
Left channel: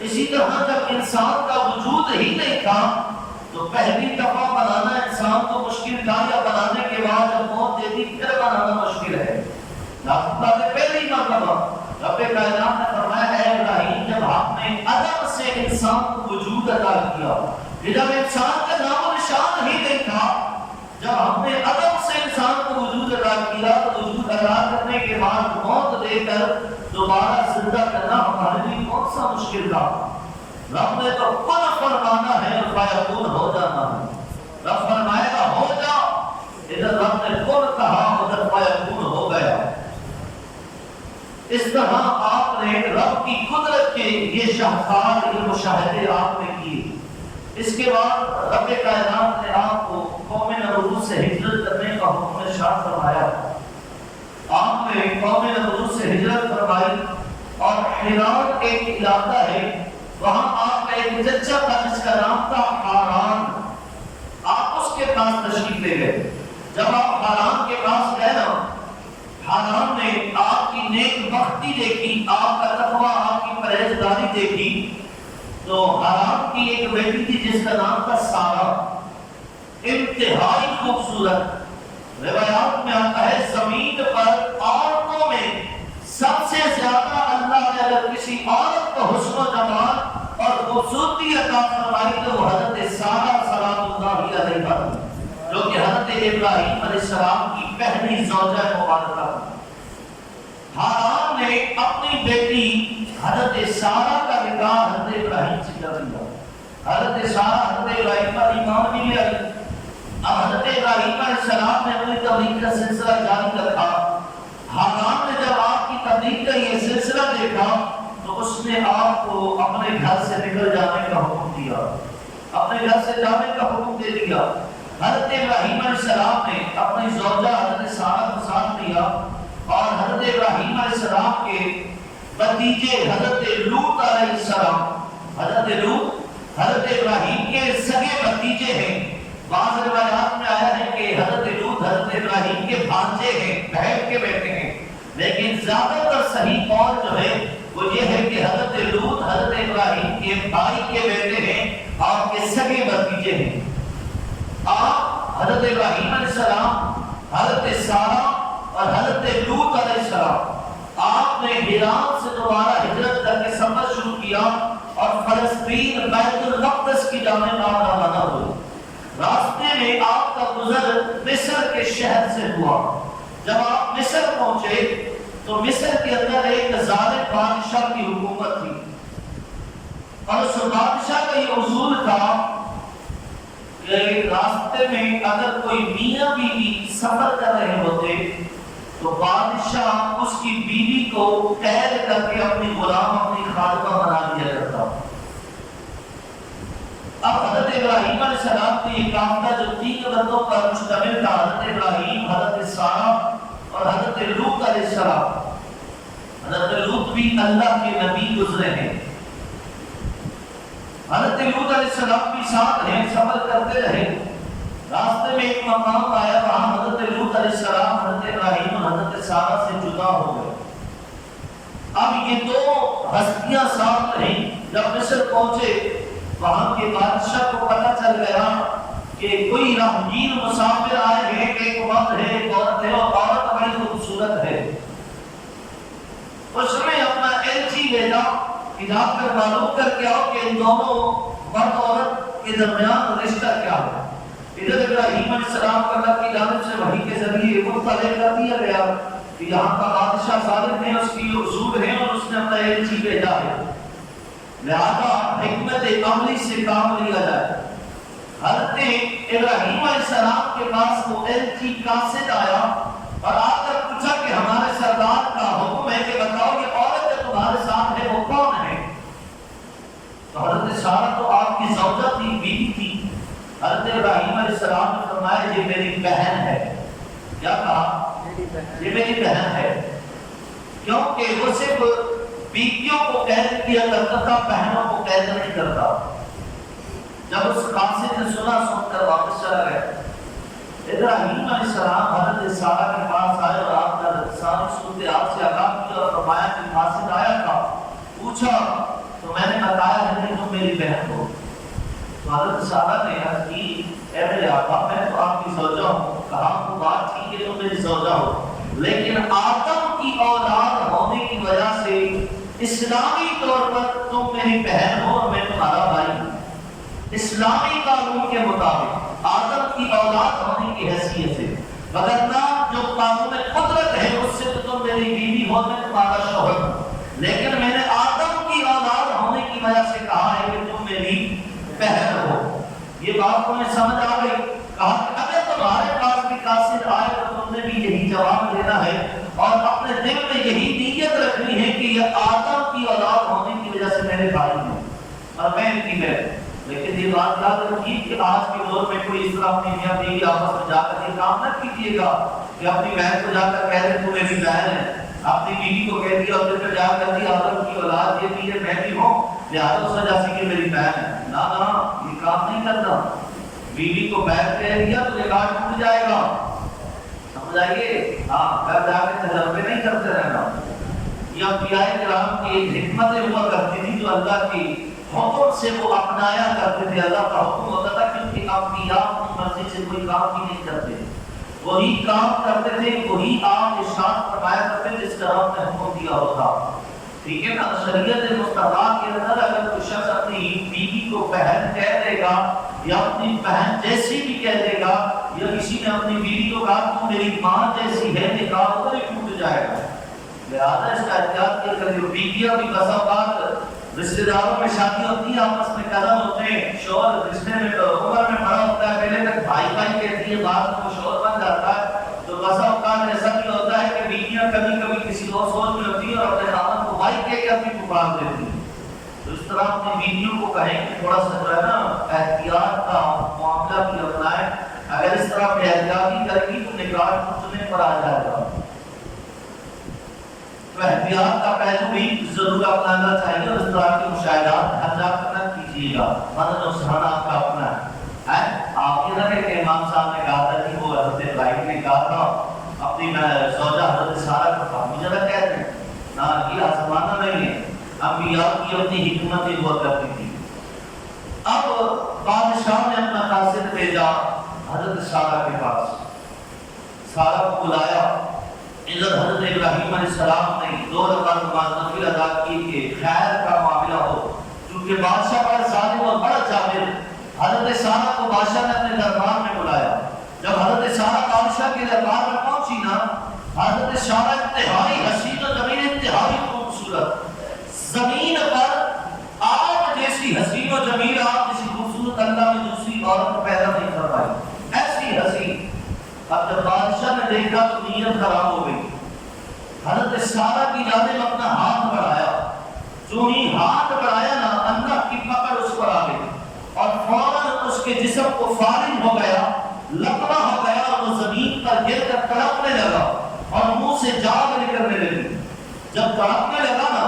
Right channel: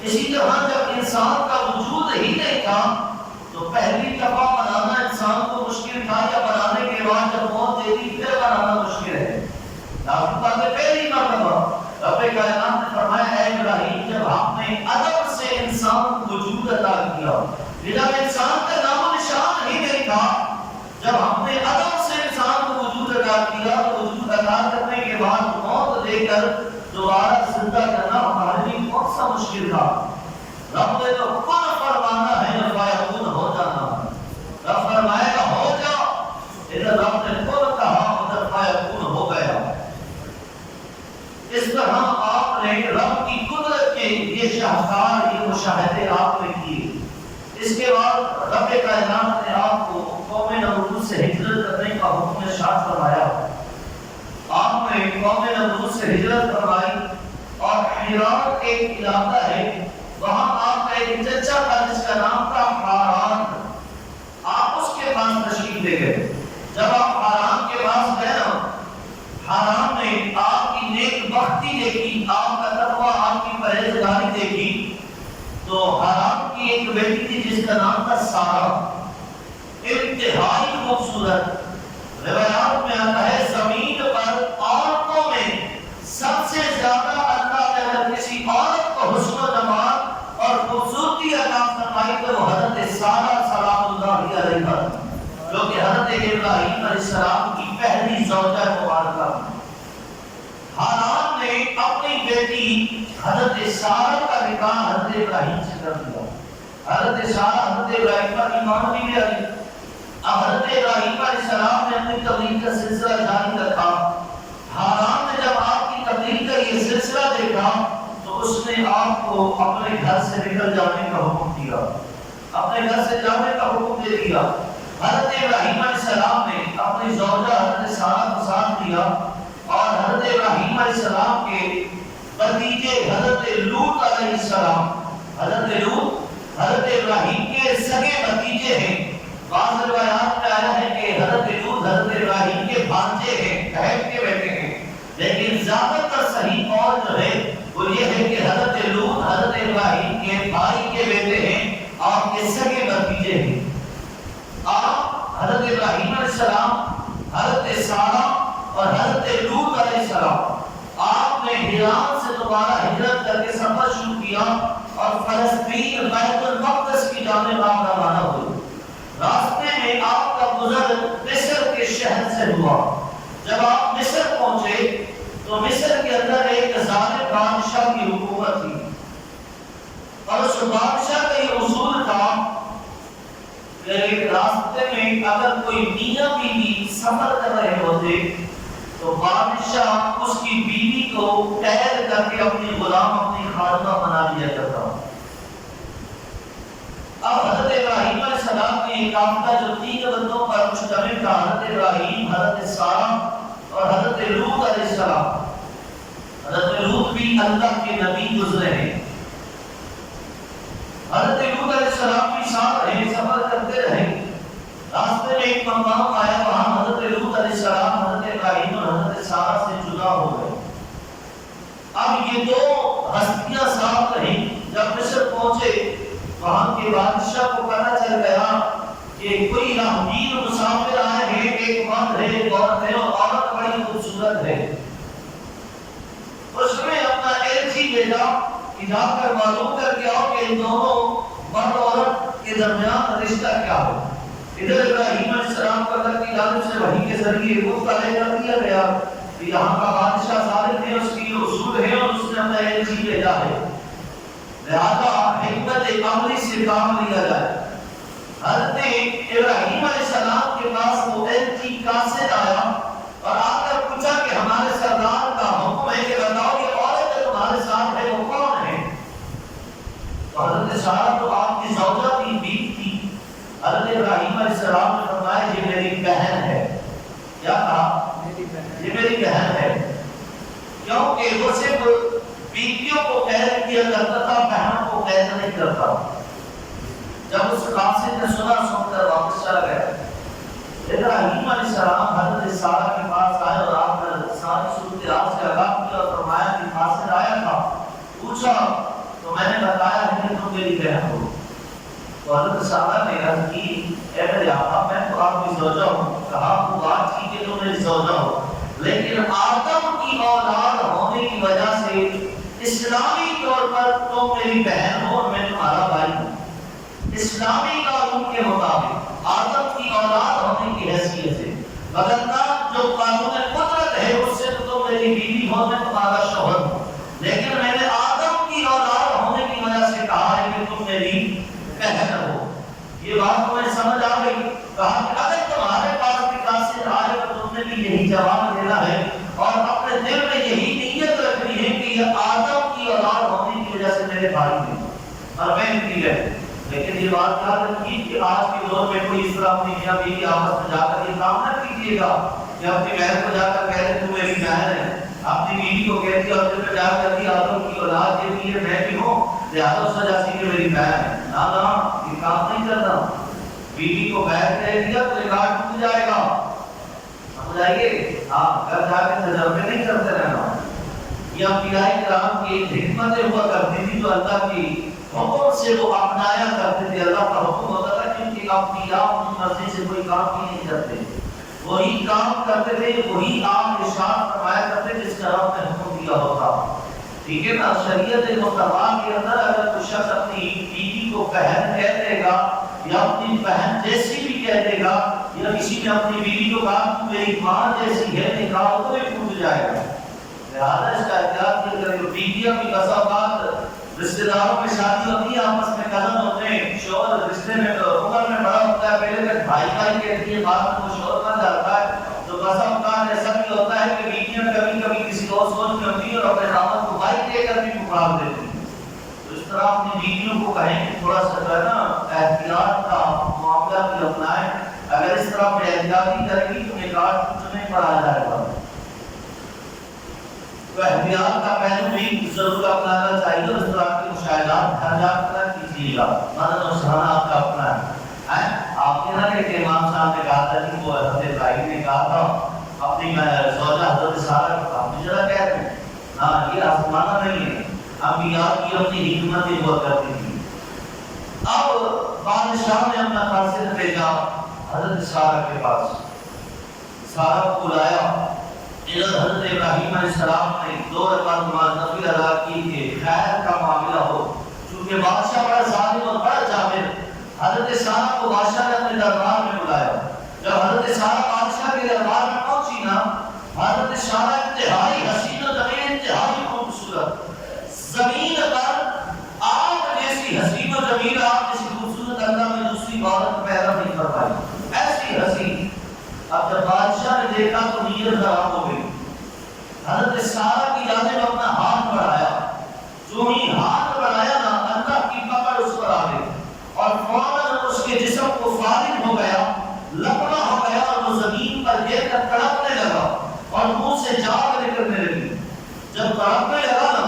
اسی طرح جب انسان کا وجود ہی نہیں تھا تو پہلی دفعہ بنانا انسان کو مشکل تھا، یا بنانے کے بعد جب موت دے دی پھر بنانا مشکل ہے. پہلی مرتبہ رب کائنات نے فرمایا اے ابراہیم جب آپ نے عدم سے انسان کو وجود عطا کیا، جب انسان کا نام و نشان ہی نہیں تھا، جب ہم نے عدم سے انسان کو وجود عطا کیا تو وجود عطا کرنے کے بعد موت دے کر دوبارہ زندہ کرنا ہمارے لیے کون سا مشکل تھا. رب نے تو کن فرمانا ہے اور فیکون ہو جانا. رب فرمائے گا ہو جا، ادھر رب نے کن کہا ادھر فیکون ہو گیا. اس طرح آپ نے رب کی قدرت کے یہ شاہکار یہ مشاہدے آپ نے کیے. اس کے بعد رب کائنات نے آپ کو قوم نمرود سے ہجرت کرنے کا حکم ارشاد فرمایا. آپ نے قوم نمرود سے ہجرت فرمائی اور حران ایک علاقہ ہے، وہاں آپ کا ایک چچا تھا جس کا نام تھا حاران. آپ اس کے پاس تشریف لے گئے. جب آپ حاران کے پاس گئے نا، حاران نے آپ کی نیک بختی دیکھی، آپ کا تقوی، آپ کی پرہیزگاری دیکھی. تو حاران کی ایک بیٹی تھی جس کا نام تھا سارا، انتہائی خوبصورت. روایات میں آتا ہے زمین پر عورتوں میں سب سے زیادہ اللہ نے اگر کسی عورت کو حسن و جمال اور خوبصورتی عطا فرمائی تو وہ حضرت سارا سلام اللہ علیہا، جو کہ حضرت ابراہیم علیہ السلام کی پہلی زوجہ مبارکہ. حاران نے اپنی بیٹی حضرت سارا کا نکاح حضرت ابراہیم سے کر دیا. حضرت سارا حضرت ابراہیم کا ایمان بھی لے آئی. حضرت ابراہیم علیہ السلام نے اپنی تبلیغ کا سلسلہ جاری رکھا. حاران نے جب آپ کی تبلیغ کا یہ سلسلہ دیکھا تو اس نے آپ کو اپنے گھر سے نکل جانے کا حکم دیا، اپنے گھر سے جانے کا حکم دے دیا. حضرت ابراہیم علیہ السلام نے اپنی زوجہ حضرت سارا کو ساتھ لیا اور حضرت ابراہیم علیہ السلام کے بھتیجے حضرت لوط علیہ السلام، حضرت لوط حضرت ابراہیم کے سگے بھتیجے ہیں. بعض روایات میں آیا ہے کہ حضرت لوط حضرت ابراہیم کے بھانجے ہیں، بہن کے بیٹے ہیں، لیکن زیادہ تر صحیح قول جو ہے وہ یہ ہے کہ حضرت لوط حضرت ابراہیم کے بھائی کے بیٹے ہیں اور کے سگے بھتیجے ہیں. آپ حضرت ابراہیم علیہ السلام، حضرت سارا اور حضرت لوط علیہ السلام آپ نے حران سے دوبارہ ہجرت کر کے سفر شروع کیا اور فلسطین بیت المقدس کی جانب آپ روانہ ہوئے. راستے میں آپ کا گزر مصر کے شہر سے ہوا. جب آپ مصر پہنچے تو مصر کے اندر ایک ظالم بادشاہ کی حکومت تھی اور اس بادشاہ کا یہ اصول تھا کہ راستے میں اگر کوئی میاں بیوی سفر کر رہے ہوتے تو بادشاہ اس کی بیوی کو قید کر کے اپنی غلام اپنی خادمہ بنا لیا کرتا. اب حضرت ابراہیم علیہ السلام نے یہ قافلہ جو 3 بندوں پر مشتمل تھا، حضرت ابراہیم، حضرت سارا اور حضرت لوط علیہ السلام. حضرت لوط بھی اللہ کے نبی گزرے ہیں. حضرت لوط علیہ السلام بھی ساتھ رہے، سفر کرتے رہے. راستے میں ایک مقام آیا، وہاں حضرت لوط علیہ السلام حضرت ابراہیم اور حضرت سارا سے جدا ہو گئے. اب یہ 2 ہستیاں ساتھ رہیں. جب مصر پہنچے وہاں کے بادشاہ کو پتہ چل گیا کہ کوئی راہگیر مسافر آئے ہیں، ایک مرد ہے ایک عورت ہے اور عورت بڑی خوبصورت ہے. اس نے اپنا ایلچی بھیجا کہ جا کر معلوم کر کے آؤ کہ ان دونوں مرد عورت کے درمیان رشتہ کیا ہے. ادھر ابراہیم علیہ السلام کو اللہ کی جانب سے وحی کے ذریعے مطلع کر دیا گیا کہ یہاں کا بادشاہ ظالم ہے، اس کی اصول ہے اور اس نے اپنا ایلچی بھیجا ہے، لہذا حکمت عملی سے کام لیا جائے. حضرت ابراہیم علیہ السلام کے پاس وہ ایلچی قاصد آیا اور آ کر پوچھا کہ ہمارے سردار کا حکم ہے کہ بتاؤ یہ عورت جو تمہارے ساتھ ہے وہ کون ہے. تو حضرت سارا تو آپ کی زوجہ تھی، بیوی تھی. حضرت ابراہیم علیہ السلام نے فرمایا یہ میری بہن ہے. کیا کہا؟ یہ میری بہن ہے. کیونکہ وہ صرف بیوی بیویوں کو قید کیا کرتا تھا، بہنوں کو قید نہیں کرتا۔ جب اس قاصد نے سنا، سن کر واپس چلا گیا۔ ابراہیم علیہ السلام حضرت سارہ کے پاس آئے اور آپ نے ساری صورتحال سے آگاہ کیا اور فرمایا کہ قاصد آیا تھا، پوچھا تو میں نے بتایا ہے کہ تم میری بہن ہو۔ تو حضرت سارہ نے عرض کی، اے میرے آقا میں تو آپ کی زوجہ ہوں۔ کہا وہ بات ٹھیک ہے تم میری زوجہ ہو، لیکن آدم کی اولاد ہونے کی وجہ سے اسلامی طور پر تم میری بہن ہو اور میں تمہارا بھائی ہوں۔ اسلامی قانون کے مطابق آدم کی اولاد ہونے کی حیثیت سے، وگرنہ جو قانون قدرت ہے اس سے تو تم میری بیوی ہو، میں تمہارا شوہر ہوں، لیکن میں نے آدم کی اولاد ہونے کی وجہ سے کہا ہے کہ تم میری بہن ہو۔ یہ بات تمہیں سمجھ آ گئی؟ کہا کہ اگر تمہارے پاس بھی قاصد آئے تو تم نے بھی یہی جواب دینا ہے اور اپنے دل میں یہی نیت رکھنی ہے کہ یہ آدم کی اولاد ہونے کی وجہ سے میرے بھائی ہیں اور میں ان کی بہن۔ لیکن یہ بات یاد رکھیے کہ آج کے دور میں کوئی اس طرح اپنی میاں بیوی آپس میں جا کر یہ کام نہ کیجیے گا کہ اپنی بہن کو جا کر کہہ دیں تو میری بہن ہے، اپنی بیوی کو کہہ دیا اور پھر جا کر دی آدم کی اولاد یہ بھی ہے، میں بھی ہوں، لہٰذا اس وجہ سے کہ میری بہن ہے۔ نہ یہ کام نہیں کرنا۔ بیوی کو بہن کہہ دیا تو ریکارڈ ٹوٹ جائے گا، سمجھ آئیے؟ ہاں، گھر جا کے تجربے نہیں کرتے رہنا۔ یہ انبیاء کرام کی ایک حکمتیں ہوا کرتی تھی جو اللہ کی حکم سے وہ اپنایا کرتے تھے۔ اللہ کا حکم ہوتا تھا کیونکہ انبیاء اپنی مرضی سے کوئی کام بھی نہیں کرتے، وہی کام کرتے تھے، وہی آپ ارشاد فرمایا کرتے جس کا رب نے حکم دیا ہوتا۔ ٹھیک ہے نا؟ شریعت مصطفیٰ کے اندر اگر کوئی شخص اپنی بیوی کو بہن کہہ دے گا یا اپنی بہن جیسی بھی کہہ دے گا، یا کسی نے اپنی بیوی کو کہا تو میری ماں جیسی ہے، نکاح تو نہیں ٹوٹ جائے گا۔ لہٰذا اس کا احتیاط کیا کرے۔ بیویاں بھی بسا اوقات رشتہ داروں میں شادی ہوتی ہے، آپس میں کزن ہوتے ہیں، شوہر رشتے میں عمر میں بڑا ہوتا ہے، پہلے تک بھائی بھائی کہتی ہے، بعد میں وہ شوہر بن جاتا ہے۔ تو بسا اوقات ایسا بھی ہوتا ہے کہ بیویاں کبھی کبھی کسی اور سوچ میں ہوتی ہے اور اپنے خاوند کو بھائی کہہ کر بھی پکار دیتی ہیں۔ تو اس طرح اپنی بیویوں کو کہیں کہ تھوڑا سا جو ہے نا احتیاط کا معاملہ بھی اپنائیں۔ اگر اس طرح بے احتیاطی کرے گی تو نکاح ٹوٹنے پر آ جائے گا۔ تو احتیاط کا پہلو بھی ضرور اپنانا چاہیے اور اس طرح کے مشاہدات ہر جا کر کیجیے گا۔ مدد و سہانا آپ کا اپنا ہے۔ آپ کے نہ کہ امام صاحب نے کہا تھا کہ وہ حضرت ابراہیم نے کہا تھا اپنی زوجہ حضرت سارہ کو کہا، مجھے نہ کہہ دیں، ہاں یہ آسمانہ نہیں ہے، انبیاء کی اپنی حکمت ہوا کرتی تھی۔ اب بادشاہ نے اپنا قاصد بھیجا حضرت سارہ کے پاس، سارہ کو بلایا۔ ادھر حضرت ابراہیم علیہ السلام نے 2 رکعت نماز نفل ادا کی کہ خیر کا معاملہ ہو، چونکہ بادشاہ بڑا ظالم اور بڑا جابر۔ حضرت سارہ کو بادشاہ نے اپنے دربار میں بلایا۔ جب حضرت سارہ بادشاہ کے دربار میں پہنچی نا، حضرت سارہ انتہائی حسین و جمیل، انتہائی خوبصورت، زمین پر آپ جیسی حسین و جمیل، آپ جیسی خوبصورت اللہ میں دوسری عورت پیدا نہیں فرمائی، ایسی حسین۔ اب جب بادشاہ نے دیکھا تو نیت خراب ہو گئی۔ حضرت سارہ کی جانب اپنا ہاتھ بڑھایا، جو ہی ہاتھ بڑھایا نا، اللہ کی پکڑ اس پر آ گئی اور فوراً اس کے جسم کو فارغ ہو گیا، لپڑا ہو گیا اور وہ زمین پر گر کر تڑپنے لگا اور منہ سے جان نکلنے لگی۔ جب تڑپنے لگا نا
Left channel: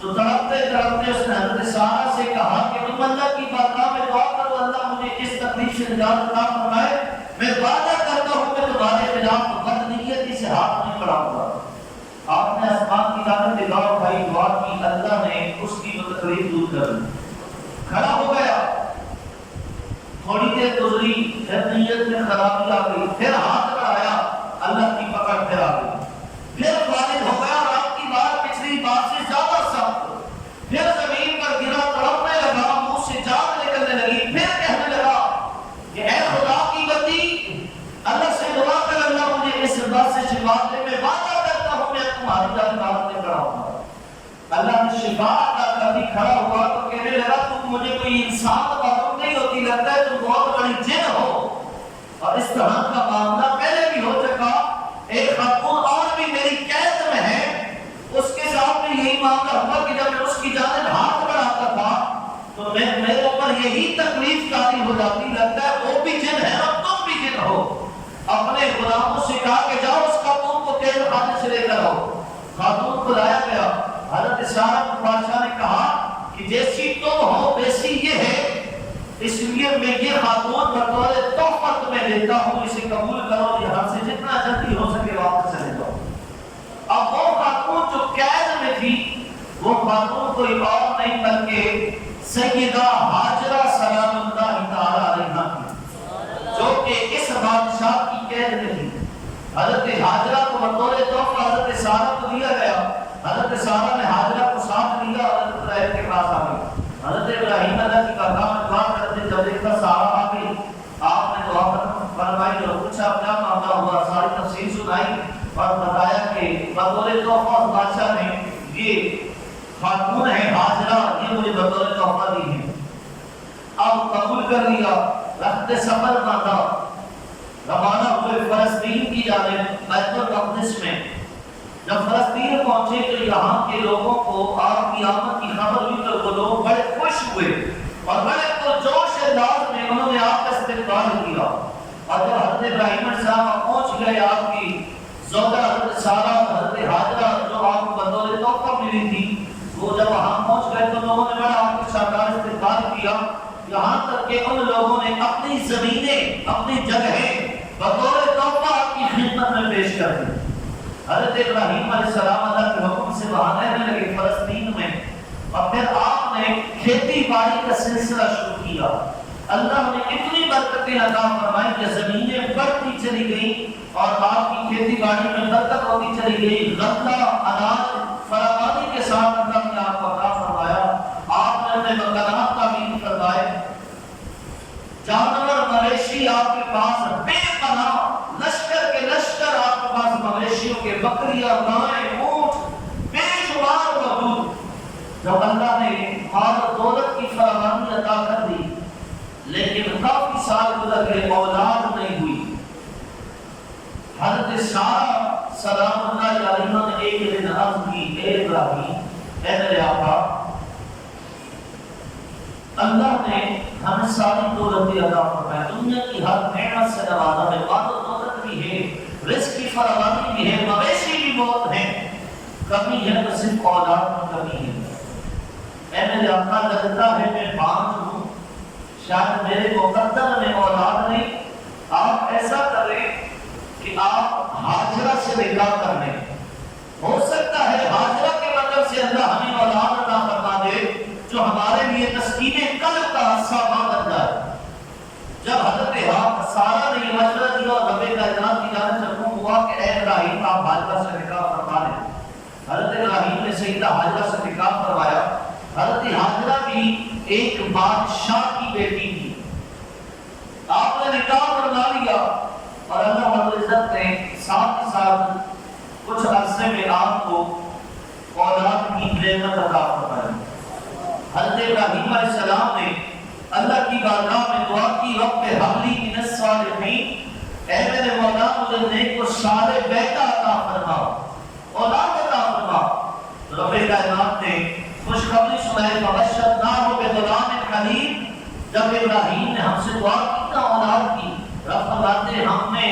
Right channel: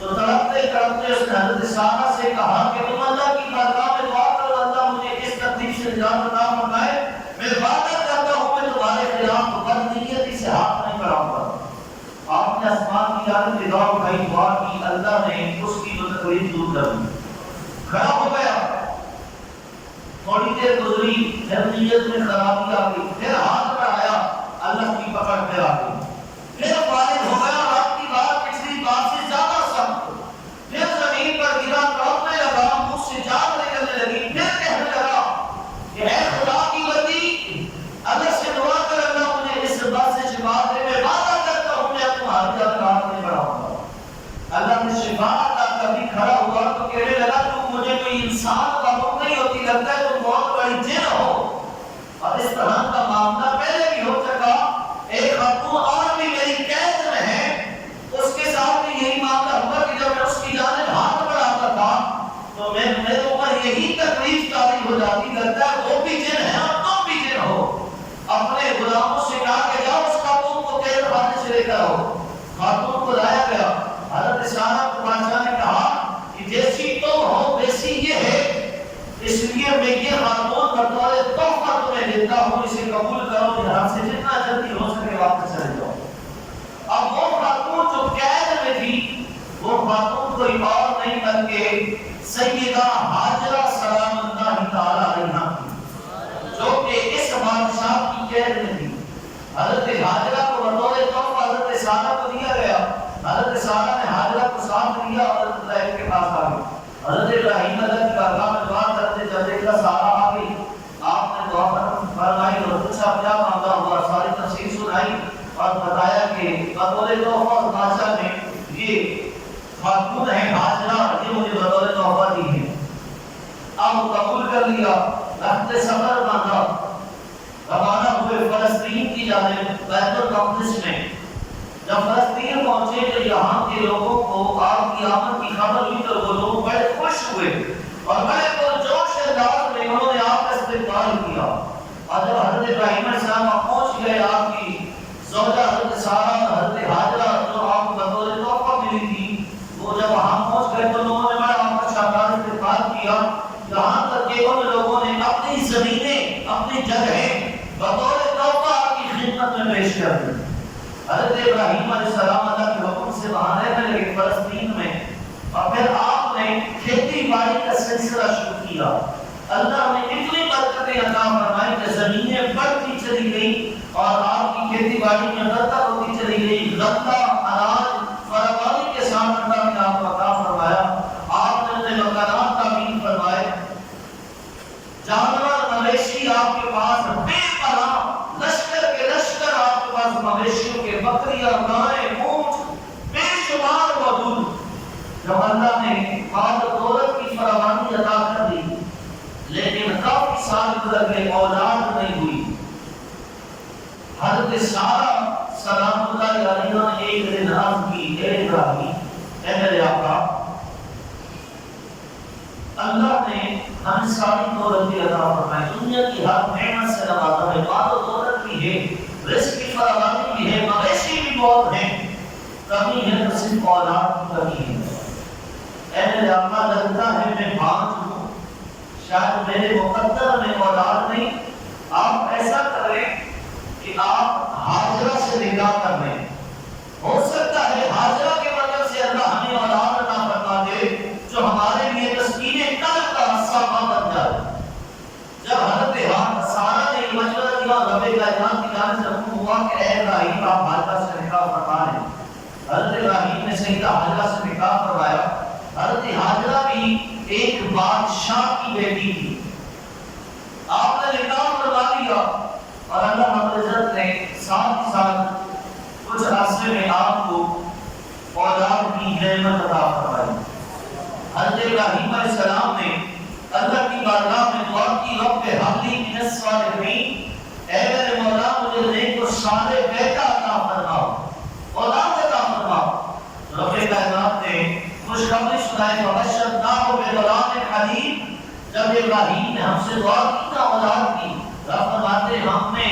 تو تڑپتے تڑپتے اس نے حضرت سارہ سے کہا کہ تم اللہ کی بارگاہ میں دعا کرو، اللہ مجھے اس تکلیف سے نجات عطا فرمائے، میں وعدہ کرتا ہوں کہ تمہارے خلاف بد نیتی سے ہاتھ نہیں بڑھاؤں گا۔ آپ نے آسمان کی جانب نگاہ اٹھائی، دعا کی، اللہ نے اس کی وہ تکلیف دور کر دی، کھڑا ہو گیا۔ تھوڑی دیر گزری، پھر نیت میں خرابی آ گئی، پھر ہاتھ بڑھایا، اللہ کی پکڑ پھر آ گئی، پھر فارغ ہو گیا اور آپ کی بات پچھلی بات سے زیادہ سخت، پھر زمین پر گرا، تڑپنے لگا، منہ سے جان نکلنے لگی، پھر کہنے لگا کہ اے خدا کی بندی، اللہ سے دعا کر، اللہ مجھے اس بات سے شفا دے، میں وعدہ کرتا ہوں میں تمہاری درگاہ میں کھڑا ہوں گا۔ اللہ نے شفا عطا کر دی، کھڑا ہوا تو کہنے لگا تم مجھے کوئی انسان معلوم نہیں ہوتی، لگتا ہے تم بہت بڑی جن ہو۔ اور اس طرح کا معاملہ پہلے بھی ہو چکا، ایک خاتون اور بھی میری قید میں ہے، اس کے ساتھ بھی یہی معاملہ ہوا کہ جب میں اس کی جانب ہاتھ بڑھاتا تھا تو میرے اوپر یہی تکلیف طاری ہو جاتی، لگتا ہے وہ بھی جن ہے اور تم بھی جن ہو۔ اپنے غلاموں سے کہا کہ جاؤ اس خاتون کو قید خانے سے لے کر آؤ۔ خاتون کو لایا گیا، حضرت سارہ جیسی تم ہو ویسی یہ ہے، اس لیے میں یہ خاتون بطور تحفہ تمہیں دیتا ہوں، اسے قبول کرو، یہاں سے جتنا جلدی ہو سکے واپس چلے جاؤ۔ اب وہ خاتون جو قید میں تھی، وہ خاتون کوئی اور نہیں بلکہ سیدہ ہاجرہ سلام اللہ تعالی علیہا تھی، جو کہ اس بادشاہ کی قید میں تھی۔ حضرت ہاجرہ کو بطور تحفہ حضرت سارہ کو دیا گیا۔ حضرت سارہ نے ہاجرہ کو ساتھ لیا اور حضرت ابراہیم کے پاس آ گئی۔ حضرت ابراہیم اللہ کی بارگاہ میں دعا کرتے جب دیکھا سارہ آ گئی، آپ نے دعا فرمائی اور پوچھا کیا مانگا ہوا، ساری تفصیل سنائی اور بتایا کہ بطور تحفہ بادشاہ نے یہ خاتون ہے ہاجرہ، یہ مجھے بطور تحفہ دی ہے۔ اب قبول کر لیا، رخت سفر باندھا، روانہ ہوئے فلسطین کی جانب بیت المقدس میں۔ جب فلسطین پہنچے تو یہاں کے لوگوں کو آپ کی آمد کی خبر ہوئی تو وہ لوگ بڑے خوش ہوئے اور بڑے پرجوش انداز میں انہوں نے آپ کا استقبال کیا۔ اور جب حضرت ابراہیم علیہ السلام پہنچ گئے، آپ کی زوجہ حضرت سارہ اور حضرت ہاجرہ جو آپ کو بطور تحفہ ملی تھی، وہ جب وہاں پہنچ گئے تو انہوں نے بڑا آپ کا شاندار استقبال کیا، یہاں تک کہ ان لوگوں نے اپنی زمینیں، اپنی جگہیں بطور تحفہ آپ کی خدمت میں پیش کر دی۔ حضرت ابراہیم علیہ السلام اللہ کے حکم سے وہاں رہنے لگے فلسطین میں، اور پھر آپ نے کھیتی باڑی کا سلسلہ شروع کیا۔ اللہ نے اتنی برکتیں عطا فرمائی کہ زمینیں بڑھتی چلی گئی اور آپ کی کھیتی باڑی میں برکت ہوتی چلی گئی، غلہ اناج فراوانی کے ساتھ اللہ نے آپ کو عطا فرمایا۔ آپ نے اپنے مکانات تعمیر فرمائے، جانور مویشی آپ کے پاس بے پناہ، لشکر کے لشکر آپ کے پاس مویشیوں کے، بکریاں، گائیں، اونٹ بے شمار موجود۔ جب اللہ نے مال دولت کی فراوانی عطا کر دی، لیکن کافی سال گزر گئے، اولاد نہیں ہوئی۔ حضرت سارہ سلام اللہ علیہا نے ایک دن عرض کی، اے ابراہیم، اے میرے آقا، اللہ نے ہمیں ساری دولت عطا فرمائی، دنیا کی ہر نعمت سے نوازا ہے، مال و دولت بھی ہے، رزق کی فراوانی بھی ہے، مویشی بھی بہت ہیں، کمی ہے تو صرف اولاد کی کمی ہے۔ اے میرے آقا، لگتا ہے میں بانجھ ہوں، شاید میرے مقدر میں اولاد نہیں، آپ ایسا کریں کہ آپ ہاجرہ سے نکاح کر لیں، ہو سکتا ہے ہاجرہ کے مطلب سے اللہ ہمیں اولاد عطا فرما دے جو ہمارے لیے تسکین قلب کا سامان بن جائے۔ جب حضرت سارہ نے یہ مشورہ دیا اور رب کائنات کی جانب سے حکم ہوا کہ اے ابراہیم آپ ہاجرہ سے نکاح فرما لیں، حضرت ابراہیم نے سیدہ ہاجرہ سے نکاح کروایا۔ حضرت ہاجرہ بھی ایک بادشاہ کی بیٹی تھی، آپ نے نکاح کروا لیا اور اللہ رب العزت نے ساتھ ہی ساتھ کچھ عرصے میں آپ کو اولاد کی نعمت عطا فرمائی۔ حضرت ابراہیم علیہ السلام نے اللہ کی بارگاہ میں دعا کی، رب ہب لی من الصالحین، اے میرے مولا مجھے نیک و صالح بیٹا عطا فرما، اولاد عطا فرما۔ رب کائنات نے خوشخبری سنائی، فبشرناہ بغلام حلیم، جب ابراہیم نے ہم سے دعا کی نا اولاد کی، رب فرماتے ہم نے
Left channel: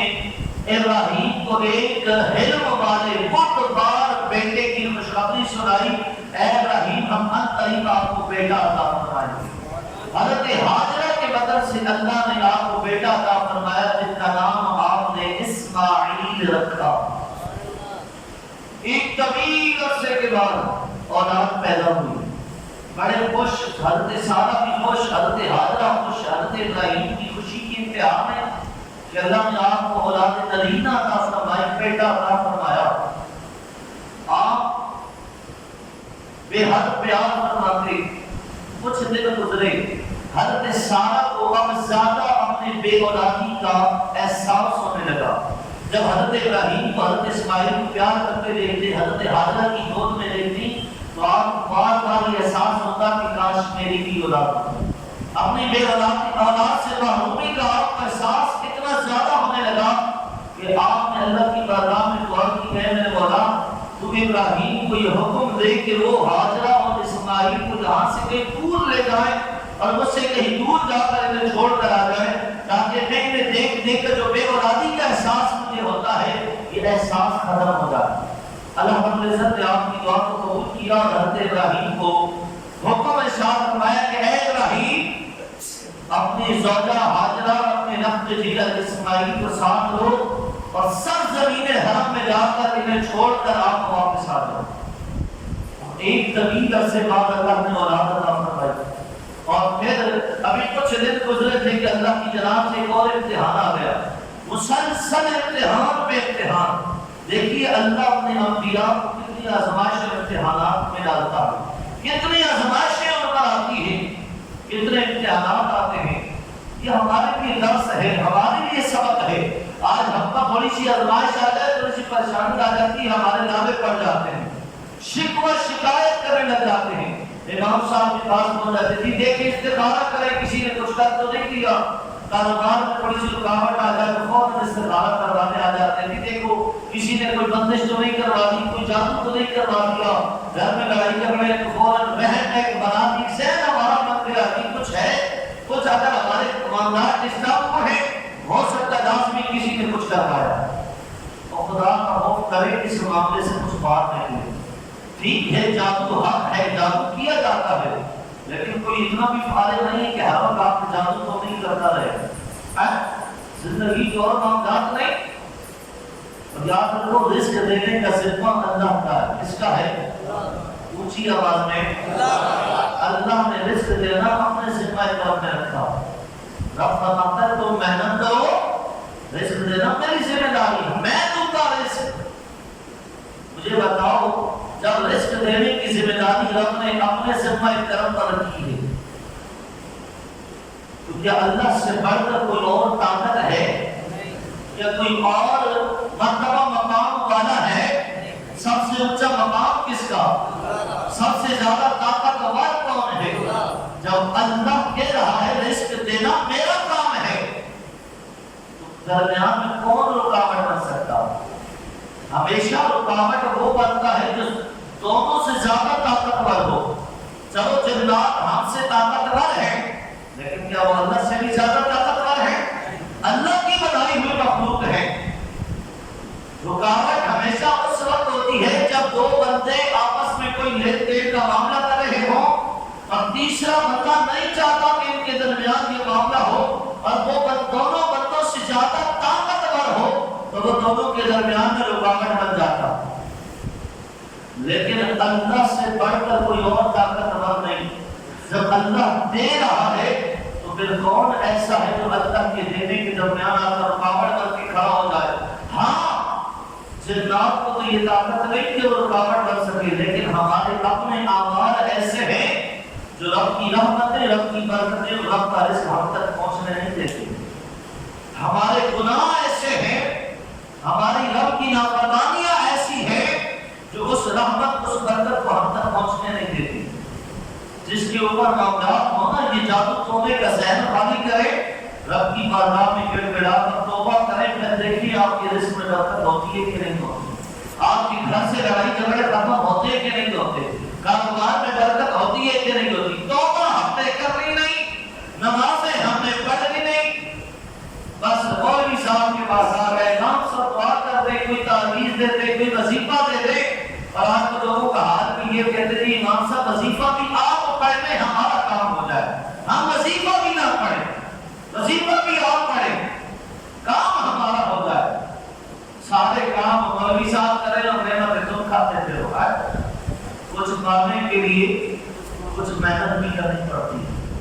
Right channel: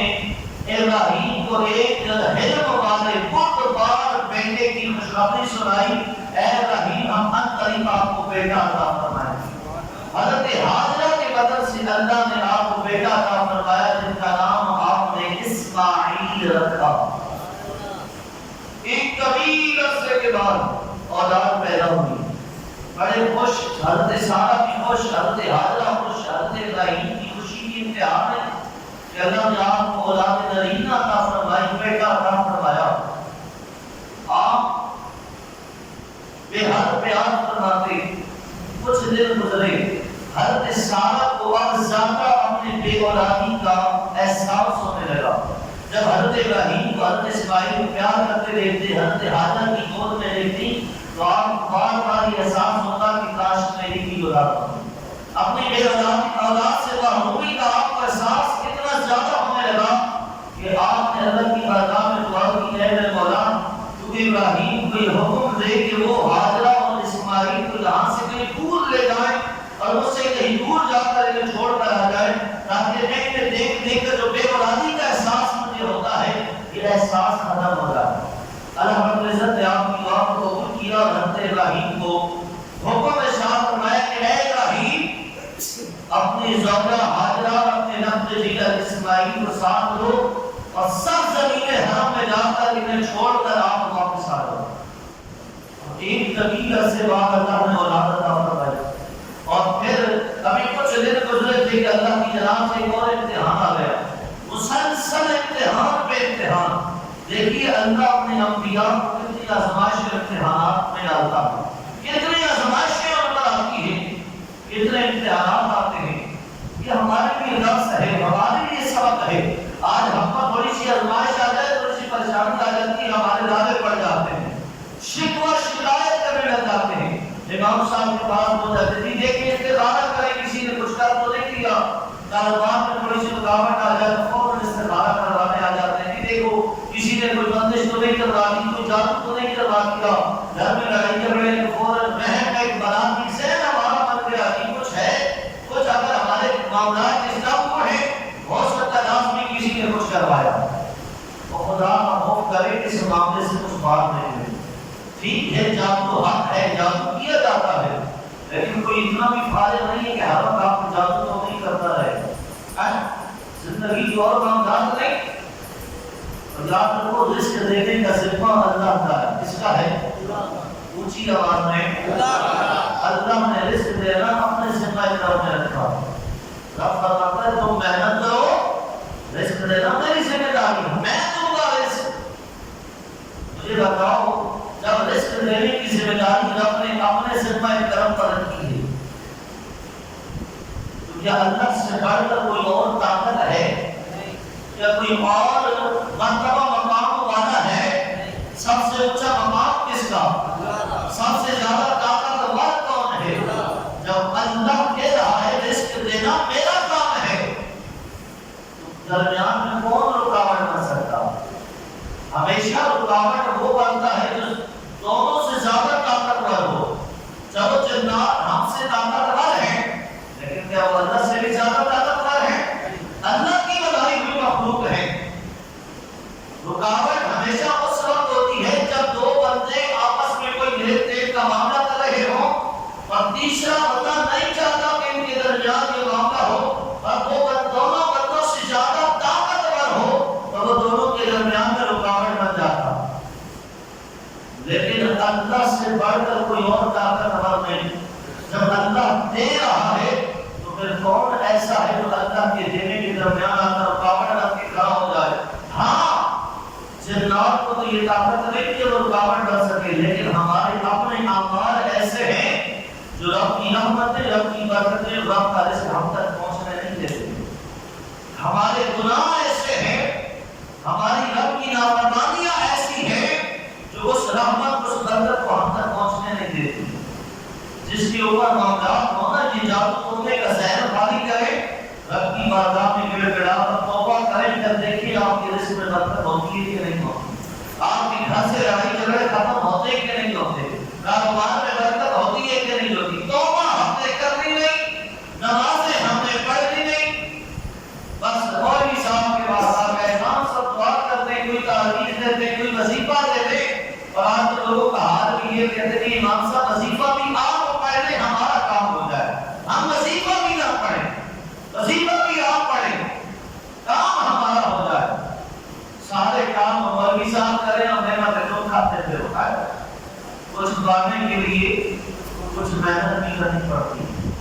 ابراہیم کو ایک حلم والے بردبار بیٹے کی خوشخبری سنائی، اے ابراہیم ہم ان قریب آپ کو بیٹا عطا فرمائیں گے۔ حضرت ہاجرہ کے بدل سے اللہ نے آپ کو بیٹا عطا فرمایا جن کا نام آپ نے اسماعیل رکھا۔ ایک طویل عرصے کے بعد اولاد پیدا ہوئی، بڑے خوش، حضرت سارہ بھی خوش، حضرت ہاجرہ خوش، حضرت ابراہیم کی خوشی کی انتہا ہے کہ اللہ نے آپ کو اولاد نرینہ عطا فرمائی، بیٹا عطا فرمایا۔ آپ بے حد پیار فرماتے، کچھ دن گزرے، حضرت سارہ کو اب زیادہ اپنے بے اولادی کا احساس ہونے لگا۔ جب حضرت ابراہیم کو حضرت اسماعیل کو پیار کرتے دیکھتے، حضرت ہاجرہ کی گود میں دیکھتی تو آپ بار بار یہ احساس ہوتا کہ کاش میری بھی اولاد ہوتی۔ اپنی بے اولاد سے محرومی کا آپ کا احساس اتنا زیادہ ہونے لگا کہ آپ نے اللہ کی بارگاہ میں دعا کی، اے میرے مولا تو ابراہیم کو یہ حکم دے کہ وہ ہاجرہ اور اسماعیل کو یہاں سے کہیں دور لے جائیں اور مجھ سے کہیں دور جا کر انہیں چھوڑ کر آ جائیں، تاکہ میں انہیں دیکھ دیکھ کر جو بے اولادی کا احساس مجھے ہوتا ہے یہ احساس ختم ہو جائے۔ اللہ رب العزت نے آپ کی دعا کو قبول کیا اور حضرت ابراہیم کو حکم ارشاد اپنی زوجہ ہاجرہ اپنے نفس جگر اسماعیل کو ساتھ لو اور سب زمین حرم میں جا کر انہیں چھوڑ کر آپ واپس آ جاؤ۔ ایک طویل عرصے بعد اللہ نے اولاد عطا فرمائی اور پھر ابھی کچھ دن گزرے تھے کہ اللہ کی جناب سے ایک اور امتحان آ گیا، مسلسل امتحان پہ امتحان۔ دیکھیے اللہ اپنے انبیاء کو کتنی آزمائش اور امتحانات میں ڈالتا ہے، کتنی آزمائشیں ان پر آتی ہیں، کتنے امتحانات آتے ہیں۔ یہ ہمارے لیے درس ہے، ہمارے لیے سبق ہے۔ آج ہم پر تھوڑی سی آزمائش آ جائے، تھوڑی سی پریشانی آ جاتی ہے، ہمارے لالے پڑ جاتے ہیں، شکوہ شکایت کرنے لگ جاتے ہیں۔ امام صاحب کے پاس بول جاتے تھے دیکھیں استخارہ کریں، کسی نے کچھ کر تو نہیں دیا، کاروبار میں تھوڑی سی رکاوٹ آ جائے تو فوراً استخارہ کروانے آ جاتے ہیں، دیکھو کسی نے کوئی بندش تو نہیں کروا دی، کوئی جادو تو نہیں کروا دیا، گھر میں لڑائی جھگڑے تو فوراً بہن ایک بنا دی، ذہن ہمارا بن گیا کہ کچھ ہے، کچھ اگر ہمارے معاملات اسلام کو ہے، ہو سکتا ہے داس میں کسی نے کچھ کروایا اور خدا کا خوف کرے اس معاملے سے کچھ بات نہیں ہوئی۔ ٹھیک ہے جادو حق ہے، جادو کیا جاتا ہے، لیکن کوئی اتنا بھی فارغ نہیں ہے کہ ہر وقت آپ کو جادو تو نہیں کرتا رہے۔ زندگی جو اور معاملات نہیں، یاد رکھو رزق دینے کا ذمہ اللہ کا ہے۔ کس کا ہے؟ اونچی آواز میں اللہ نے رزق دینا اپنے ذمہ کار میں رکھا۔ رب فرماتا ہے تم محنت کرو، رزق دینا میری ذمہ داری ہے، میں دوں گا رزق۔ مجھے بتاؤ جب رزق دینے کی ذمہ داری رب نے اپنے ذمہ کرم پر رکھی ہے تو کیا اللہ سے بڑھ کر کوئی اور طاقت ہے؟ کیا کوئی اور مرتبہ مقام والا ہے؟ سب سے اونچا مقام کس کا؟ سب سے زیادہ طاقتور کون ہے؟ جب اللہ کہہ رہا ہے رزق دینا میرا کام ہے، درمیان میں کون رکاوٹ بن سکتا؟ ہمیشہ رکاوٹ وہ بنتا ہے جو دونوں سے زیادہ طاقتور ہو۔ جب وہ جنات ہم سے طاقتور ہیں، لیکن کیا وہ اللہ سے بھی زیادہ طاقتور ہیں؟ اللہ کی بنائی ہوئی مخلوق ہے۔ رکاوٹ ہمیشہ اس وقت ہوتی ہے جب دو بندے آپس میں کوئی لین دین کا معاملہ کر رہے ہوں اور تیسرا بندہ نہیں چاہتا کہ ان کے درمیان یہ معاملہ ہو اور دونوں بندوں سے زیادہ طاقتور ہو تو وہ دونوں کے درمیان میں رکاوٹ بن جاتا۔ لیکن اللہ سے بڑھ کر کوئی اور طاقتور نہیں۔ جب اللہ دے رہا ہے تو پھر کون ایسا ہے جو اللہ کے دینے کے درمیان آ کر رکاوٹ بن کے کھڑا ہو جائے؟ ہاں جنات کو تو یہ طاقت نہیں کہ وہ رکاوٹ بن سکے، لیکن ہمارے اپنے اعمال ایسے ہیں جو رب کی رحمتیں، رب کی برکتیں، رب کا رزق ہم تک پہنچنے نہیں دیتے۔ ہمارے گناہ ایسے ہیں، ہماری رب کی نافرمانیاں ایسی ہیں جو اس رحمت اس برکت کو ہم تک پہنچنے نہیں دیتی۔ جس کے اوپر معاملات ہونا یہ جادو توڑنے کا ذہن خالی کرے، رب کی بارگاہ میں گڑ گڑا کر توبہ کریں، پھر دیکھیے آپ کی رزق میں برکت ہوتی ہے کہ نہیں ہوتی، آپ کے گھر سے لڑائی جھگڑے ختم ہوتے کہ نہیں ہوتے، کاروبار میں برکت ہوتی ہے کہ نہیں ہوتی۔ توبہ ہم نے کرنی نہیں، نمازیں ہم نے پڑھنی نہیں، بس مولوی صاحب کے پاس آ گئے، امام صاحب دعا کر دیں، کوئی تعویذ دے دیں، کوئی وظیفہ دے دیں، اور آج تو لوگوں کا حال بھی یہ کہتے ہیں امام صاحب وظیفہ بھی آپ کو پہلے ہمارا کام ہو جائے، ہم وظیفہ بھی نہ پڑھیں، وظیفہ بھی آپ پڑھیں، کام ہمارا ہو جائے۔ سارے کام مولوی صاحب کریں اور نعمت تم کھاتے پھر ہو ہے۔ کچھ پانے کے لیے کچھ محنت بھی کرنی پڑتی ہے۔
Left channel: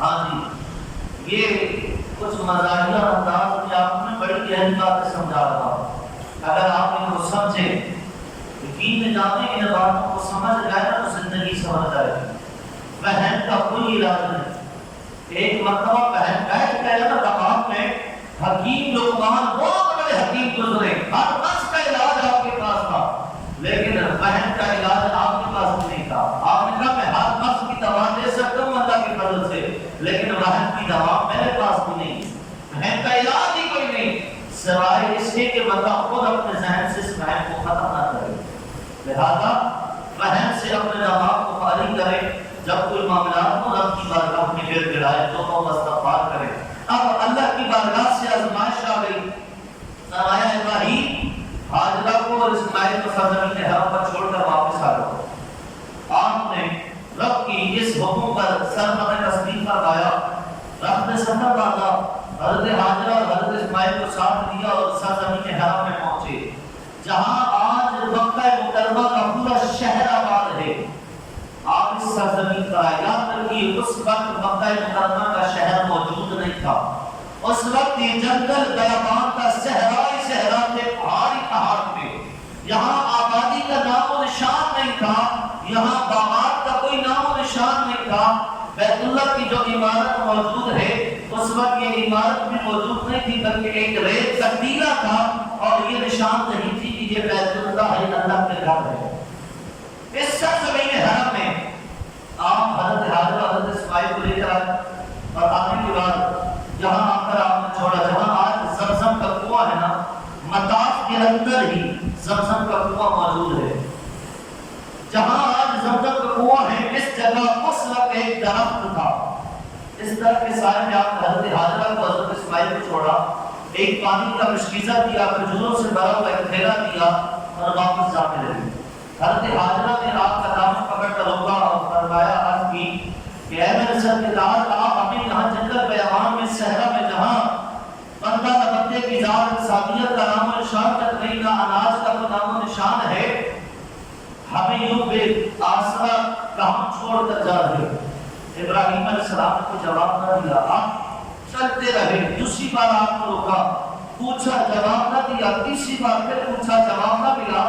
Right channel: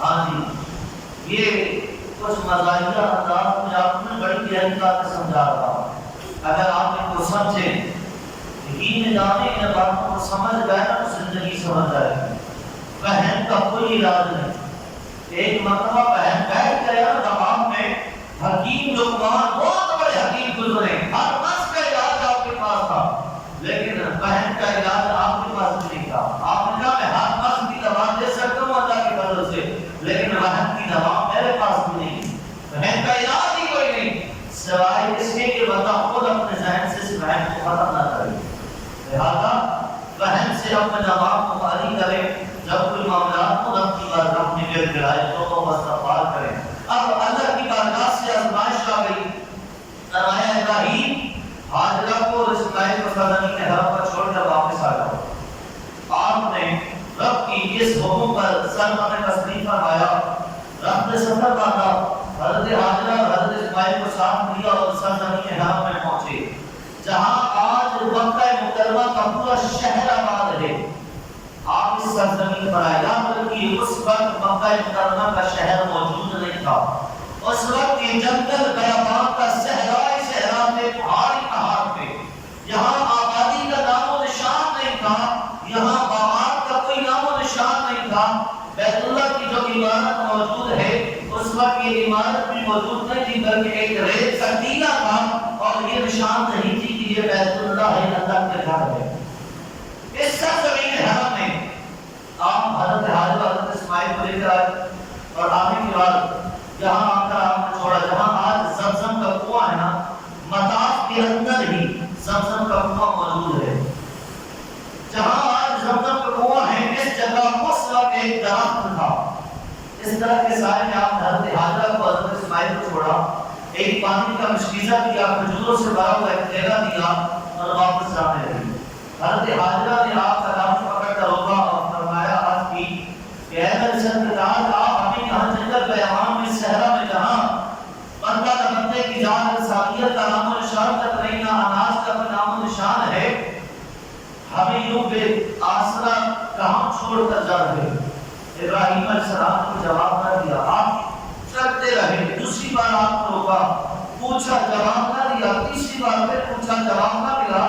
ہاں جی یہ کچھ مزاحیہ انداز میں آپ نے بڑی گہری باتیں سمجھا رہا، اگر آپ ان کو سمجھیں یقین جانے ان باتوں کو سمجھ گئے نا تو زندگی سمجھ جائے گی۔ بہن کا کوئی علاج نہیں۔ ایک مرتبہ بہن بیٹھ گیا نا دماغ میں، حکیم لقمان بہت بڑے حکیم گزرے، ہر نفس کا علاج آپ کے پاس تھا، لیکن بہن کا علاج آپ کے پاس نہیں تھا۔ آپ نے کہا میں ہر نفس کی دوا دے سکتا ہوں اللہ کے فضل سے، لیکن بہن کی دوا میرے پاس بھی نہیں، بہن کا علاج ہی کوئی نہیں، سوائے اس کے کہ بندہ خود اپنے ذہن سے اس بہن کو ختم نہ کرے۔ لہذا بہن سے اپنے دماغ کو خالی کرے، جب کوئی معاملات کو رب کی بارگاہ میں گر گرائے تو وہ استغفار کرے۔ اب اللہ کی بارگاہ سے آزمائش آ گئی، فرمایا ابراہیم ہاجرہ کو اور اسماعیل کو سرزمین حرم پر چھوڑ کر واپس آ جاؤ۔ آپ نے رب کی اس حکم پر سر تسلیم فرمایا، رب نے سفر باندھا، حضرت حاجرہ اور حضرت اسماعیل کو ساتھ لیا اور سرزمین حرم میں پہنچے، جہاں آج مکہ مکرمہ کا پورا شہر آباد ہے۔ آپ اس سرزمین پر آئے، یاد رکھیے اس وقت مکہ مکرمہ کا شہر موجود نہیں تھا، اس وقت یہ جنگل بیابان کا صحرائی صحرا تھے، پہاڑی پہاڑ تھے، یہاں آبادی کا نام و نشان نہیں تھا، یہاں باغات کا کوئی نام و نشان نہیں تھا۔ بیت اللہ کی جو عمارت موجود ہے اس وقت یہ عمارت بھی موجود نہیں تھی، بلکہ ایک ریت کا ٹیلہ تھا اور یہ نشان نہیں تھی کہ یہ بیت اللہ ہے، اللہ کے گھر ہے۔ اس سرزمین حرم میں آپ حضرت حاجرہ حضرت اسماعیل کو لے کر آئے اور آنے کے بعد جہاں آ کر آپ نے چھوڑا، جہاں آج زمزم کا کنواں ہے نا، مطاف کے اندر ہی زمزم کا کنواں موجود ہے۔ جہاں آج زمزم کا کنواں ہے اس جگہ اس وقت ایک درخت تھا، اس درخت کے سائے میں آپ حضرت حاجرہ کو حضرت اسماعیل کو چھوڑا، ایک پانی کا مشکیزہ دیا، کھجوروں سے بھرا ہوا ایک تھیلا دیا اور واپس جانے لگے۔ حضرت حاجرہ نے آپ کا دامن پکڑ کر روکا اور فرمایا، عرض کی کہ اے میرے سرکار، آپ ہمیں یہاں جنگل بیابان میں صحرا میں جہاں بندہ نہ بندے کی ذات انسانیت کا نام و نشان تک نہیں، نہ اناج کا کوئی نام و نشان ہے، ہمیں یوں بے آسرا کہاں چھوڑ کر جا رہے؟ ابراہیم علیہ السلام کو جواب نہ دیا، آپ چلتے رہے، دوسری بار آپ کو روکا، پوچھا جواب نہ دیا، تیسری بار پھر پوچھا جواب نہ ملا،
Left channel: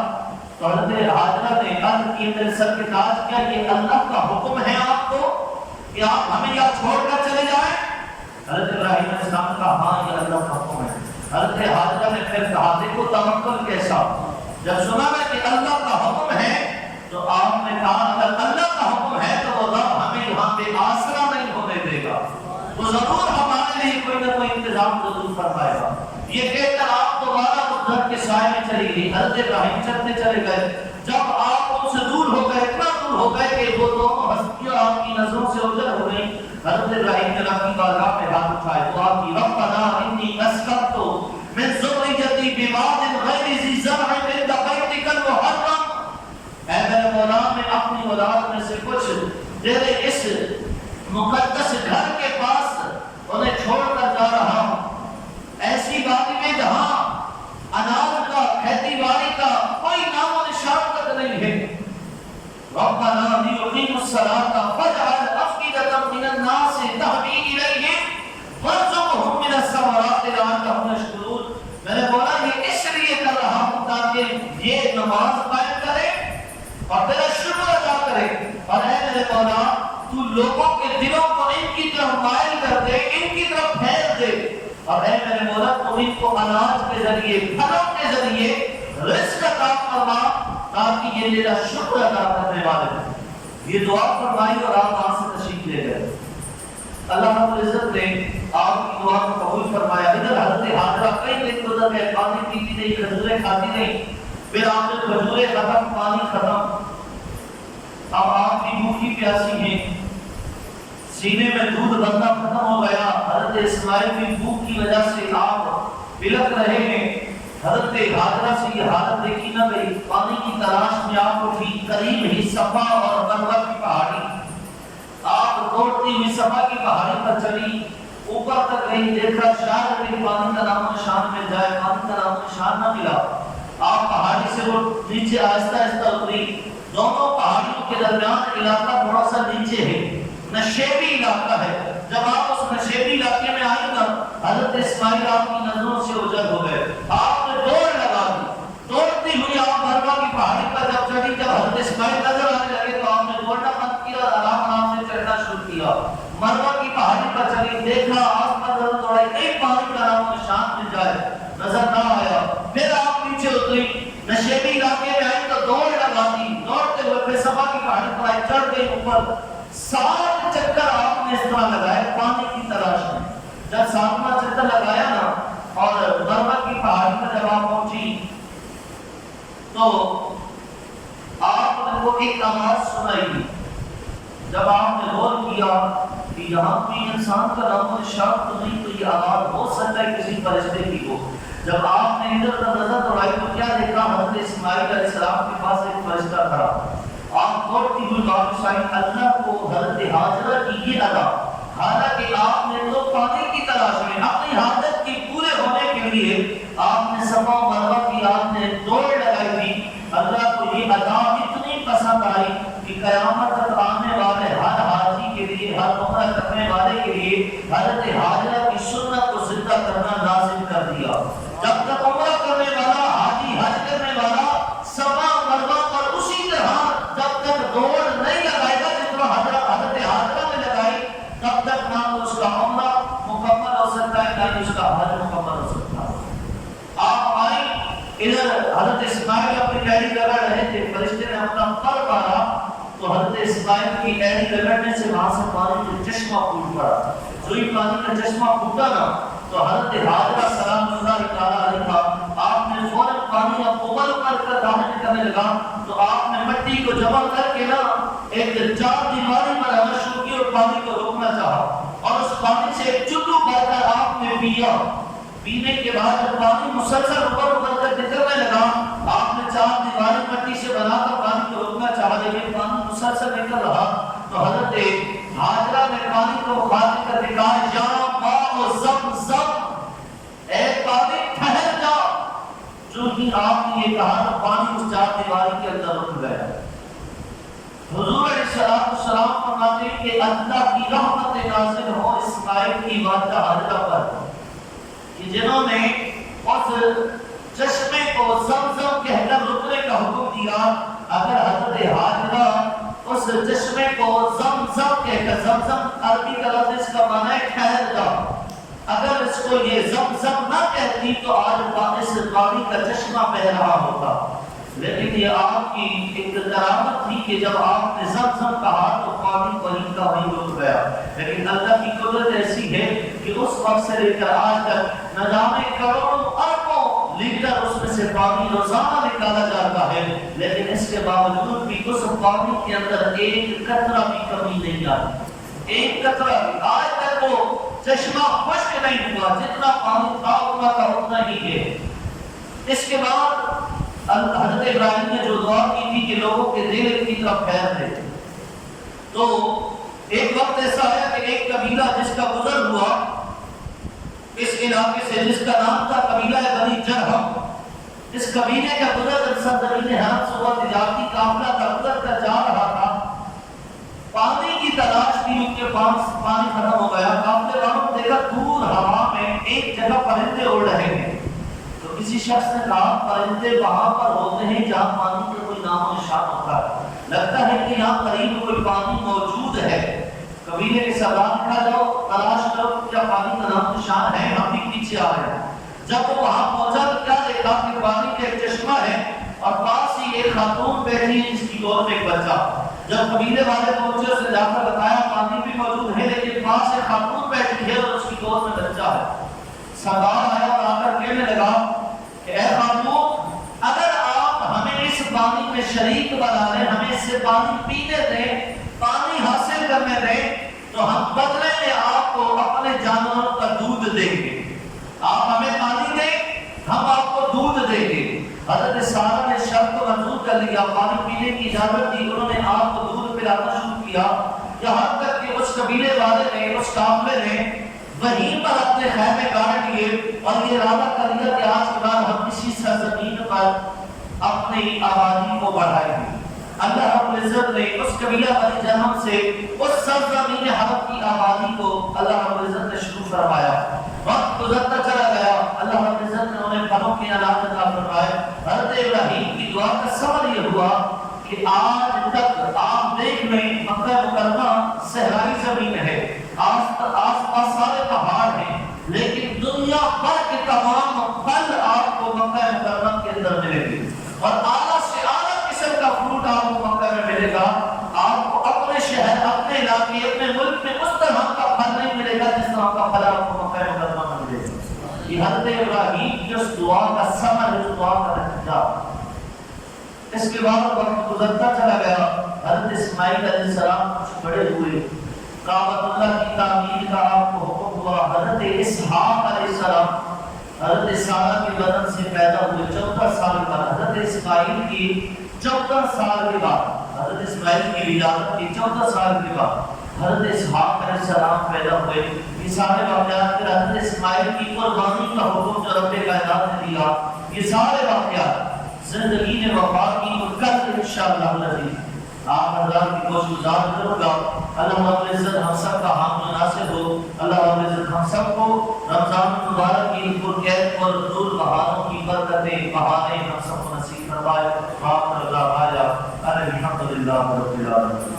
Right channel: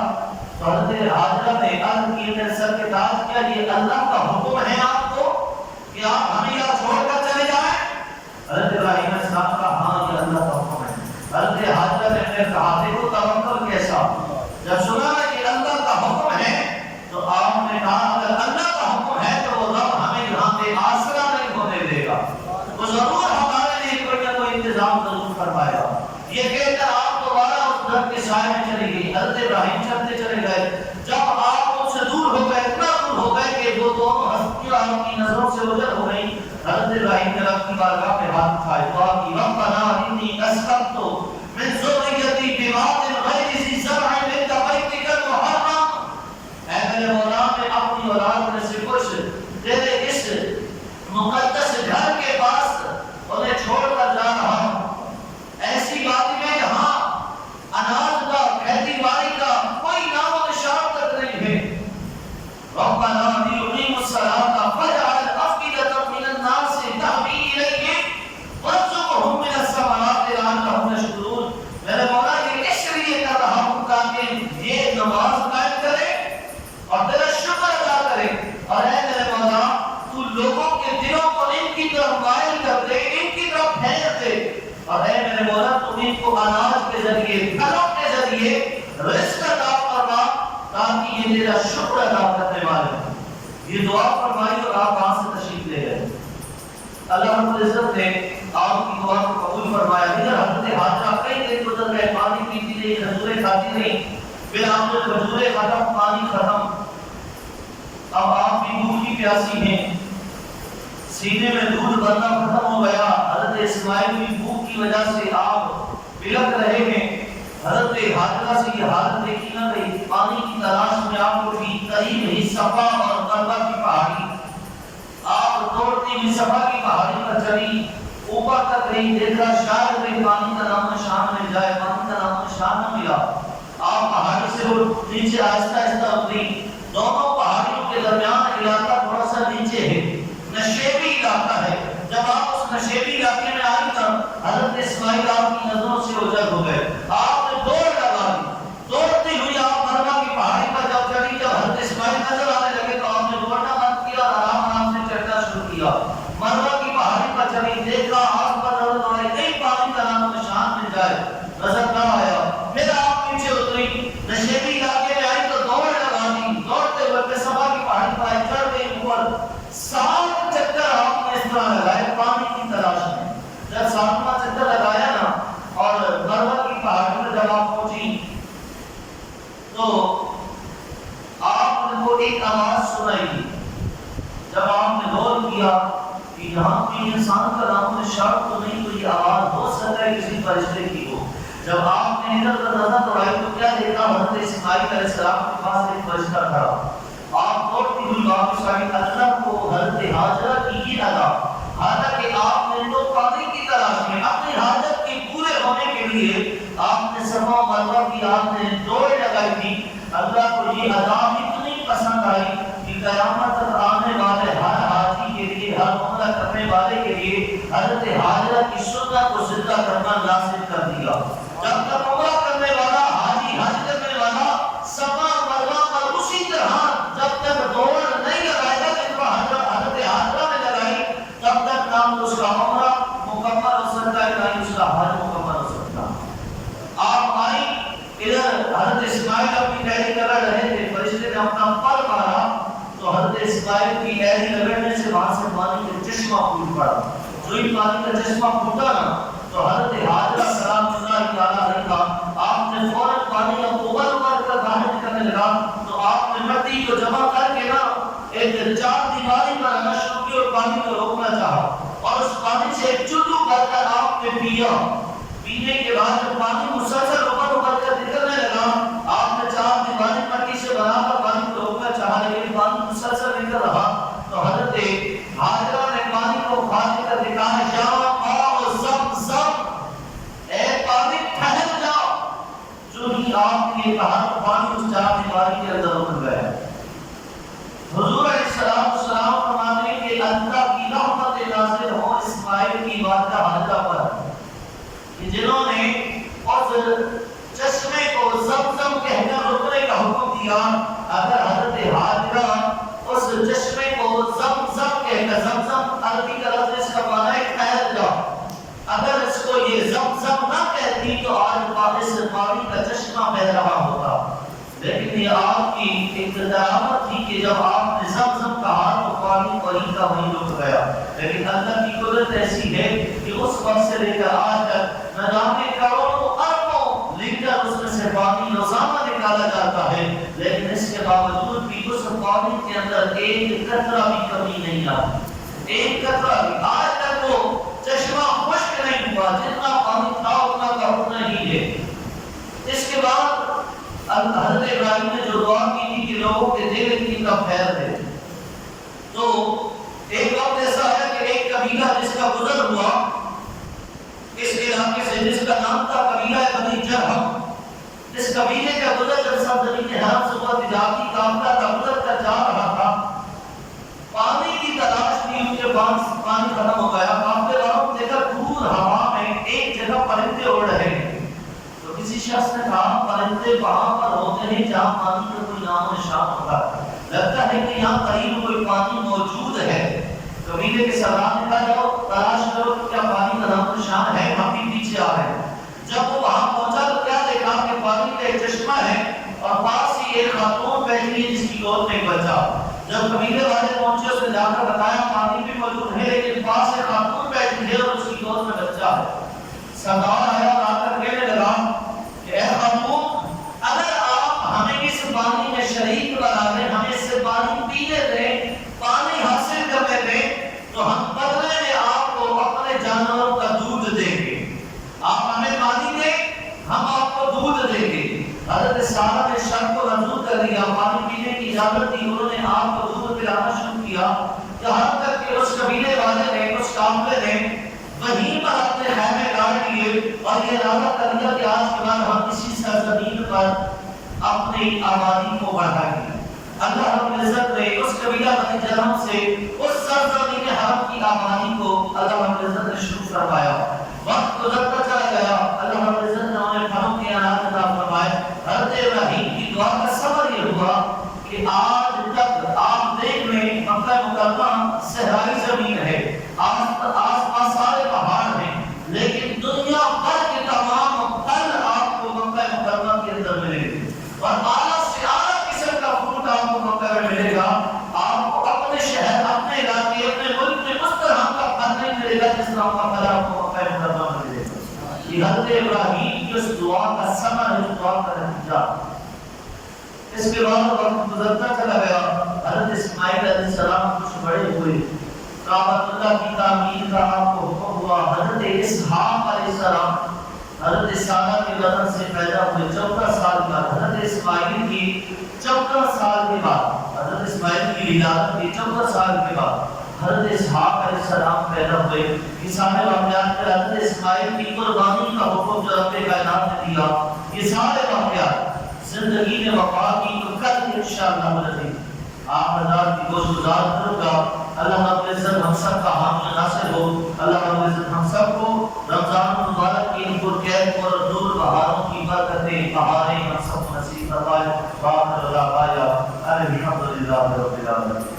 تو حضرت حاجرہ نے عرض کی، میرے سر کے تاج، کیا یہ اللہ کا حکم ہے آپ کو کہ آپ ہمیں یہاں چھوڑ کر چلے جائیں؟ حضرت ابراہیم علیہ السلام کا ہاں یہ اللہ کا حکم ہے۔ حضرت حاجرہ نے پھر کہا، دیکھو توکل کیسا، جب سنا نا کہ اللہ کا حکم ہے تو آپ نے کہا اگر اللہ کا حکم ہے تو وہ رب ہمیں یہاں پہ آسرا نہیں ہونے دے گا، وہ ضرور ہمارے لیے کوئی نہ کوئی انتظام ضرور فرمائے گا۔ یہ کہہ کر آپ دوبارہ اس درخت کے سائے میں چلی گئی۔ حضرت ابراہیم چلتے چلے گئے، جب آپ ان سے دور ہو گئے، اتنا دور ہو گئے کہ وہ دونوں ہستیاں آپ کی نظروں سے اوجھل ہو گئیں، حضرت ابراہیم نے رب کی بارگاہ میں ہاتھ اٹھائے، دعا کی، ربنا انی اسکنت من ذریتی بواد غیر ذی زرع عند بیتک المحرم، اے میرے مولا، میں اپنی اولاد میں سے کچھ تیرے اس مقدس گھر کے پاس انہیں چھوڑ کر جا رہا ہوں، ایسی وادی میں جہاں اناج کا، کھیتی باڑی کا کوئی نام و نشان تک نہیں ہے۔ ربنا لیقیموا الصلاۃ فاجعل افئدة من الناس تهوی الیہم وارزقهم من الثمرات لعلهم یشکرون، میرے مولا یہ اس لیے کر رہا ہوں تاکہ یہ نماز قائم کرے اور تیرا شکر ادا کرے، اور اے میرے مولا تو لوگوں کے دلوں کو ان کی طرف مائل کر دے، ان کی طرف پھیر دے، اور اے میرے مولا تو ان کو اناج کے ذریعے، پھلوں کے ذریعے رزق عطا فرما تاکہ یہ تیرا شکر ادا کرنے والے ہوں۔ یہ دعا فرمائی اور آپ وہاں سے تشریف لے گئے۔ اللہ رب العزت نے آپ کی دعا کو قبول فرمایا۔ ادھر حضرت حاجرہ کئی دن گزر گئے، پانی پیتی نہیں، کھجوریں کھاتی نہیں، پھر آپ نے کھجوریں ختم، پانی ختم، اب آپ بھی بھوکی پیاسی ہیں، سینے میں دودھ بننا ختم ہو گیا، حضرت اسماعیل کی بھوک کی وجہ سے آپ بلک رہے ہیں۔ حضرت حاجرہ سے یہ حالت دیکھی نہ گئی، پانی کی تلاش میں آپ کو ٹھیک قریب ہی صفا اور مروہ کی پہاڑی، آپ دوڑتی ہوئی صفا کی پہاڑی پر چڑھی، اوپر تک گئی، دیکھا شاید کوئی پانی کا نام و نشان مل جائے، پانی کا نام و نشان نہ ملا۔ آپ پہاڑی سے وہ نیچے آہستہ آہستہ اتری، دونوں پہاڑیوں کے درمیان علاقہ تھوڑا سا نیچے ہے، نشیبی علاقہ ہے۔ جب آپ اس نشیبی علاقے میں آئی نا، حضرت اسماعیل آپ کی نظروں سے اوجھل ہو گئے، آپ نے دوڑ لگا دی، دوڑتی ہوئی آپ مروہ کی پہاڑی پر جب چڑھی، جب حضرت اسماعیل نظر آنے لگے تو آپ نے دوڑنا بند کیا اور آرام آرام سے چڑھنا شروع کیا۔ مروہ کی پہاڑی پر چڑھی، دیکھا آس پاس نظر دوڑائی، کہیں پانی کا نام و نشان مل جائے، نظر نہ آیا۔ پھر آپ پیچھے اتری، نشیبی علاقے میں آئی تو دوڑ لگا دی، دوڑتے ہوئے پھر صفا کی پہاڑی پر آئی، چڑھ گئی اوپر، 7 چکر آپ نے اس طرح لگائے پانی کی تلاش میں۔ جب 7واں چکر لگایا نا اور مروہ کی پہاڑی پر جب آپ پہنچی تو آپ کو ایک آواز سنائی دی۔ جب آپ نے غور کیا کہ یہاں کوئی انسان کا نام و نشان تو نہیں، تو یہ آواز ہو سکتا ہے کسی فرشتے کی ہو۔ جب آپ نے ادھر ادھر نظر دوڑائی تو کیا دیکھا؟ حضرت اسماعیل علیہ السلام کے پاس ایک فرشتہ تھا۔ آپ دوڑتی ہوئی واپس آئی، اللہ کو حضرت حاجرہ کی یہ ادا، حالانکہ آپ نے تو پانی فرمان نازل کر دیا. جب تک عمرہ کرنے والا حاجی حج کرنے والا صفا مروہ پر اسی طرح جب تک دوڑ نہیں لگائے گا جس طرح حضرت حاجرہ نے لگائی تب تک نہ اس کا عمرہ مکمل ہو سکتا ہے نہ ہی اس کا حج مکمل ہو سکتا ہے. آپ آئیں ادھر حضرت اسماعیل اپنی ڈیری کر رہے تھے, فرشتے نے اپنا پر مارا تو حضرت اسماعیل کی ڈیری لگڑنے سے وہاں سے پانی کا چشمہ پھوٹ پڑا. سوئی پانی کا چشمہ پھوٹا نا تو حضرت حاجرہ سلام اللہ تعالیٰ علیہ کا آپ نے فوراً پانی اوپر کر باہر نکلنے لگا تو آپ نے مٹی کو جمع کر کے نا ایک چار دیواری پر آنا شروع کی اور پانی کو روکنا چاہا اور اس پانی سے ایک چلو بھر کر آپ نے پیا. پینے کے بعد جب پانی مسلسل اوپر کر نکلنے لگا آپ نے چار دیواری مٹی سے بنا کر پانی کو روکنا چاہا لیکن پانی مسلسل نکل رہا تو حضرت حاجرہ نے پانی کو خارج کر دکھایا, یا ماء زمزم, اے پانی ٹھہر جا. جو ہی آپ نے یہ کہا پانی اس چار دیواری کے اندر رک گیا. حضور علیہ السلام فرماتے ہیں کہ اللہ کی رحمت نازل ہو اسماعیل کی والدہ حاجرہ پر کہ جنہوں نے اس چشمے کو زمزم کہہ کر رکنے کا حکم دیا. اگر حضرت حاجرہ اس چشمے کو زمزم کہہ کر, زمزم عربی کا لفظ اس کا معنی ہے ٹھہر جا, اگر اس کو یہ زمزم نہ کہتی تو آج اس پانی کا چشمہ بہ رہا ہوتا. لیکن یہ آپ کی ایک کرامت تھی کہ جب آپ نے زمزم کہا تو پانی وہیں کا وہیں رک گیا. لیکن اللہ کی قدرت ایسی ہے کہ اس وقت سے لے کر آج تک نہ جانے کروڑوں اربوں لیٹر اس میں سے پانی روزانہ نکالا جاتا ہے, لیکن اس کے باوجود بھی اس پانی کے اندر ایک قطرہ بھی کمی نہیں آتی. ایک قطرہ بھی آج تک وہ چشمہ خشک نہیں ہوا, جتنا پانی تھا اتنا کا اتنا ہی ہے. اس کے بعد حضرت ابراہیم نے جو دعا کی تھی کہ لوگوں کے دل کی طرف پھیر دے, تو ایک وقت ایسا آیا کہ ایک قبیلہ جس کا گزر ہوا اس علاقے سے, جس کا نام تھا قبیلہ بنی جرہم, اس قبیلے کا گزر جب سرزمین حرم سے ہوا تجارتی قافلہ کا گزر کر جا رہا تھا, پانی کی تلاش بھی ان کے پاس پانی ختم ہو گیا. قافلے والوں نے دیکھا دور ہوا میں ایک جگہ پرندے اڑ رہے ہیں. کسی شخص نے کہا پرندے وہاں پر ہوتے ہیں جہاں پانی کا کوئی نام و نشان ہوتا ہے, لگتا ہے کہ یہاں قریب کوئی پانی موجود ہے. قبیلے کے سردار نے کہا جاؤ تلاش کرو کیا پانی کا نام و نشان ہے, ہم بھی پیچھے آ رہے ہیں. جب وہ وہاں پہنچا تو کیا دیکھا کہ پانی کا ایک چشمہ ہے اور پاس ہی ایک خاتون بیٹھی ہے جس کی گود میں ایک بچہ. جب قبیلے والے پہنچے اس نے جا کر بتایا پانی بھی موجود ہے لیکن پاس ایک خاتون بیٹھی ہے اور اس کی گود میں بچہ ہے. سردار آیا اور آ کر کہنے لگا کہ اے خاتون, اگر آپ ہمیں اس پانی میں شریک بنا دیں, ہمیں اس سے پانی پینے دیں, پانی حاصل کرنے دیں, تو ہم بدلے میں آپ کو اپنے جانوروں کا دودھ دیں گے. آپ ہمیں پانی دیں, ہم آپ کو دودھ دیں گے. حضرت سارہ نے شرط کو منظور کر لیا, پانی پینے کی اجازت دی. انہوں نے آپ کو دودھ پلانا شروع کیا یہاں تک کہ اس قبیلے والے نے, اس قافلے نے وہیں پر اپنے خیمے گاڑ لیے اور یہ ارادہ کر لیا کہ آج کے بعد ہم اسی سرزمین پر اپنی آبادی کو بڑھائیں گے. اللہ رب العزت نے اس قبیلہ بنی جرہم سے اس سرزمین حرم کی آبادی کو اللہ رب العزت نے شروع فرمایا. وقت گزرتا چلا گیا, اللہ رب العزت نے انہیں پھلوں کے انعامات عطا فرمائے. حضرت ابراہیم کی دعا کا ثمر یہ ہوا کہ آج تک آپ دیکھ لیں مکہ مکرمہ صحرائی زمین ہے, آس پاس سارے پہاڑ ہیں, لیکن دنیا بھر کے تمام پھل آپ کو مکہ مکرمہ کے اندر ملیں گے اور اعلیٰ سے اعلیٰ قسم کا فروٹ آپ کو مکہ میں ملے گا. آپ کو اپنے شہر, اپنے علاقے, اپنے ملک میں اس طرح کا پھل نہیں ملے گا جس طرح کا پھل آپ کو مکہ مکرمہ میں ملے گا. یہ حضرت ابراہیم کی اس دعا کا ثمر, اس دعا کا نتیجہ. اس کے بعد وقت گزرتا چلا گیا. حضرت اسماعیل علیہ السلام کچھ بڑے ہوئے, کعبۃ اللہ کی تعمیر کا آپ کو حکم ہوا. حضرت اسحاق علیہ السلام حضرت سارہ کے بدن سے پیدا ہوئے 14 سال بعد. حضرت اسماعیل کی 14 سال کے بعد, حضرت اسماعیل کی ولادت کے 14 سال کے بعد حضرت اسحاق علیہ السلام پیدا ہوئے. یہ سارے واقعات پھر حضرت اسماعیل کی قربانی کا حکم جو رب کائنات نے دیا, یہ سارے واقعات زندگی میں وفا کی. تو کل انشاءاللہ العزیز آپ حضرات کی گوش گزار کروں گا. اللہ رب العزت ہم سب کا حامی ناصر ہو. اللہ رب العزت ہم سب کو رمضان مبارک برکت بہاریں ہم سب کو نصیب فرمائے. باقر دعوانا الحمدللہ رب العالمین.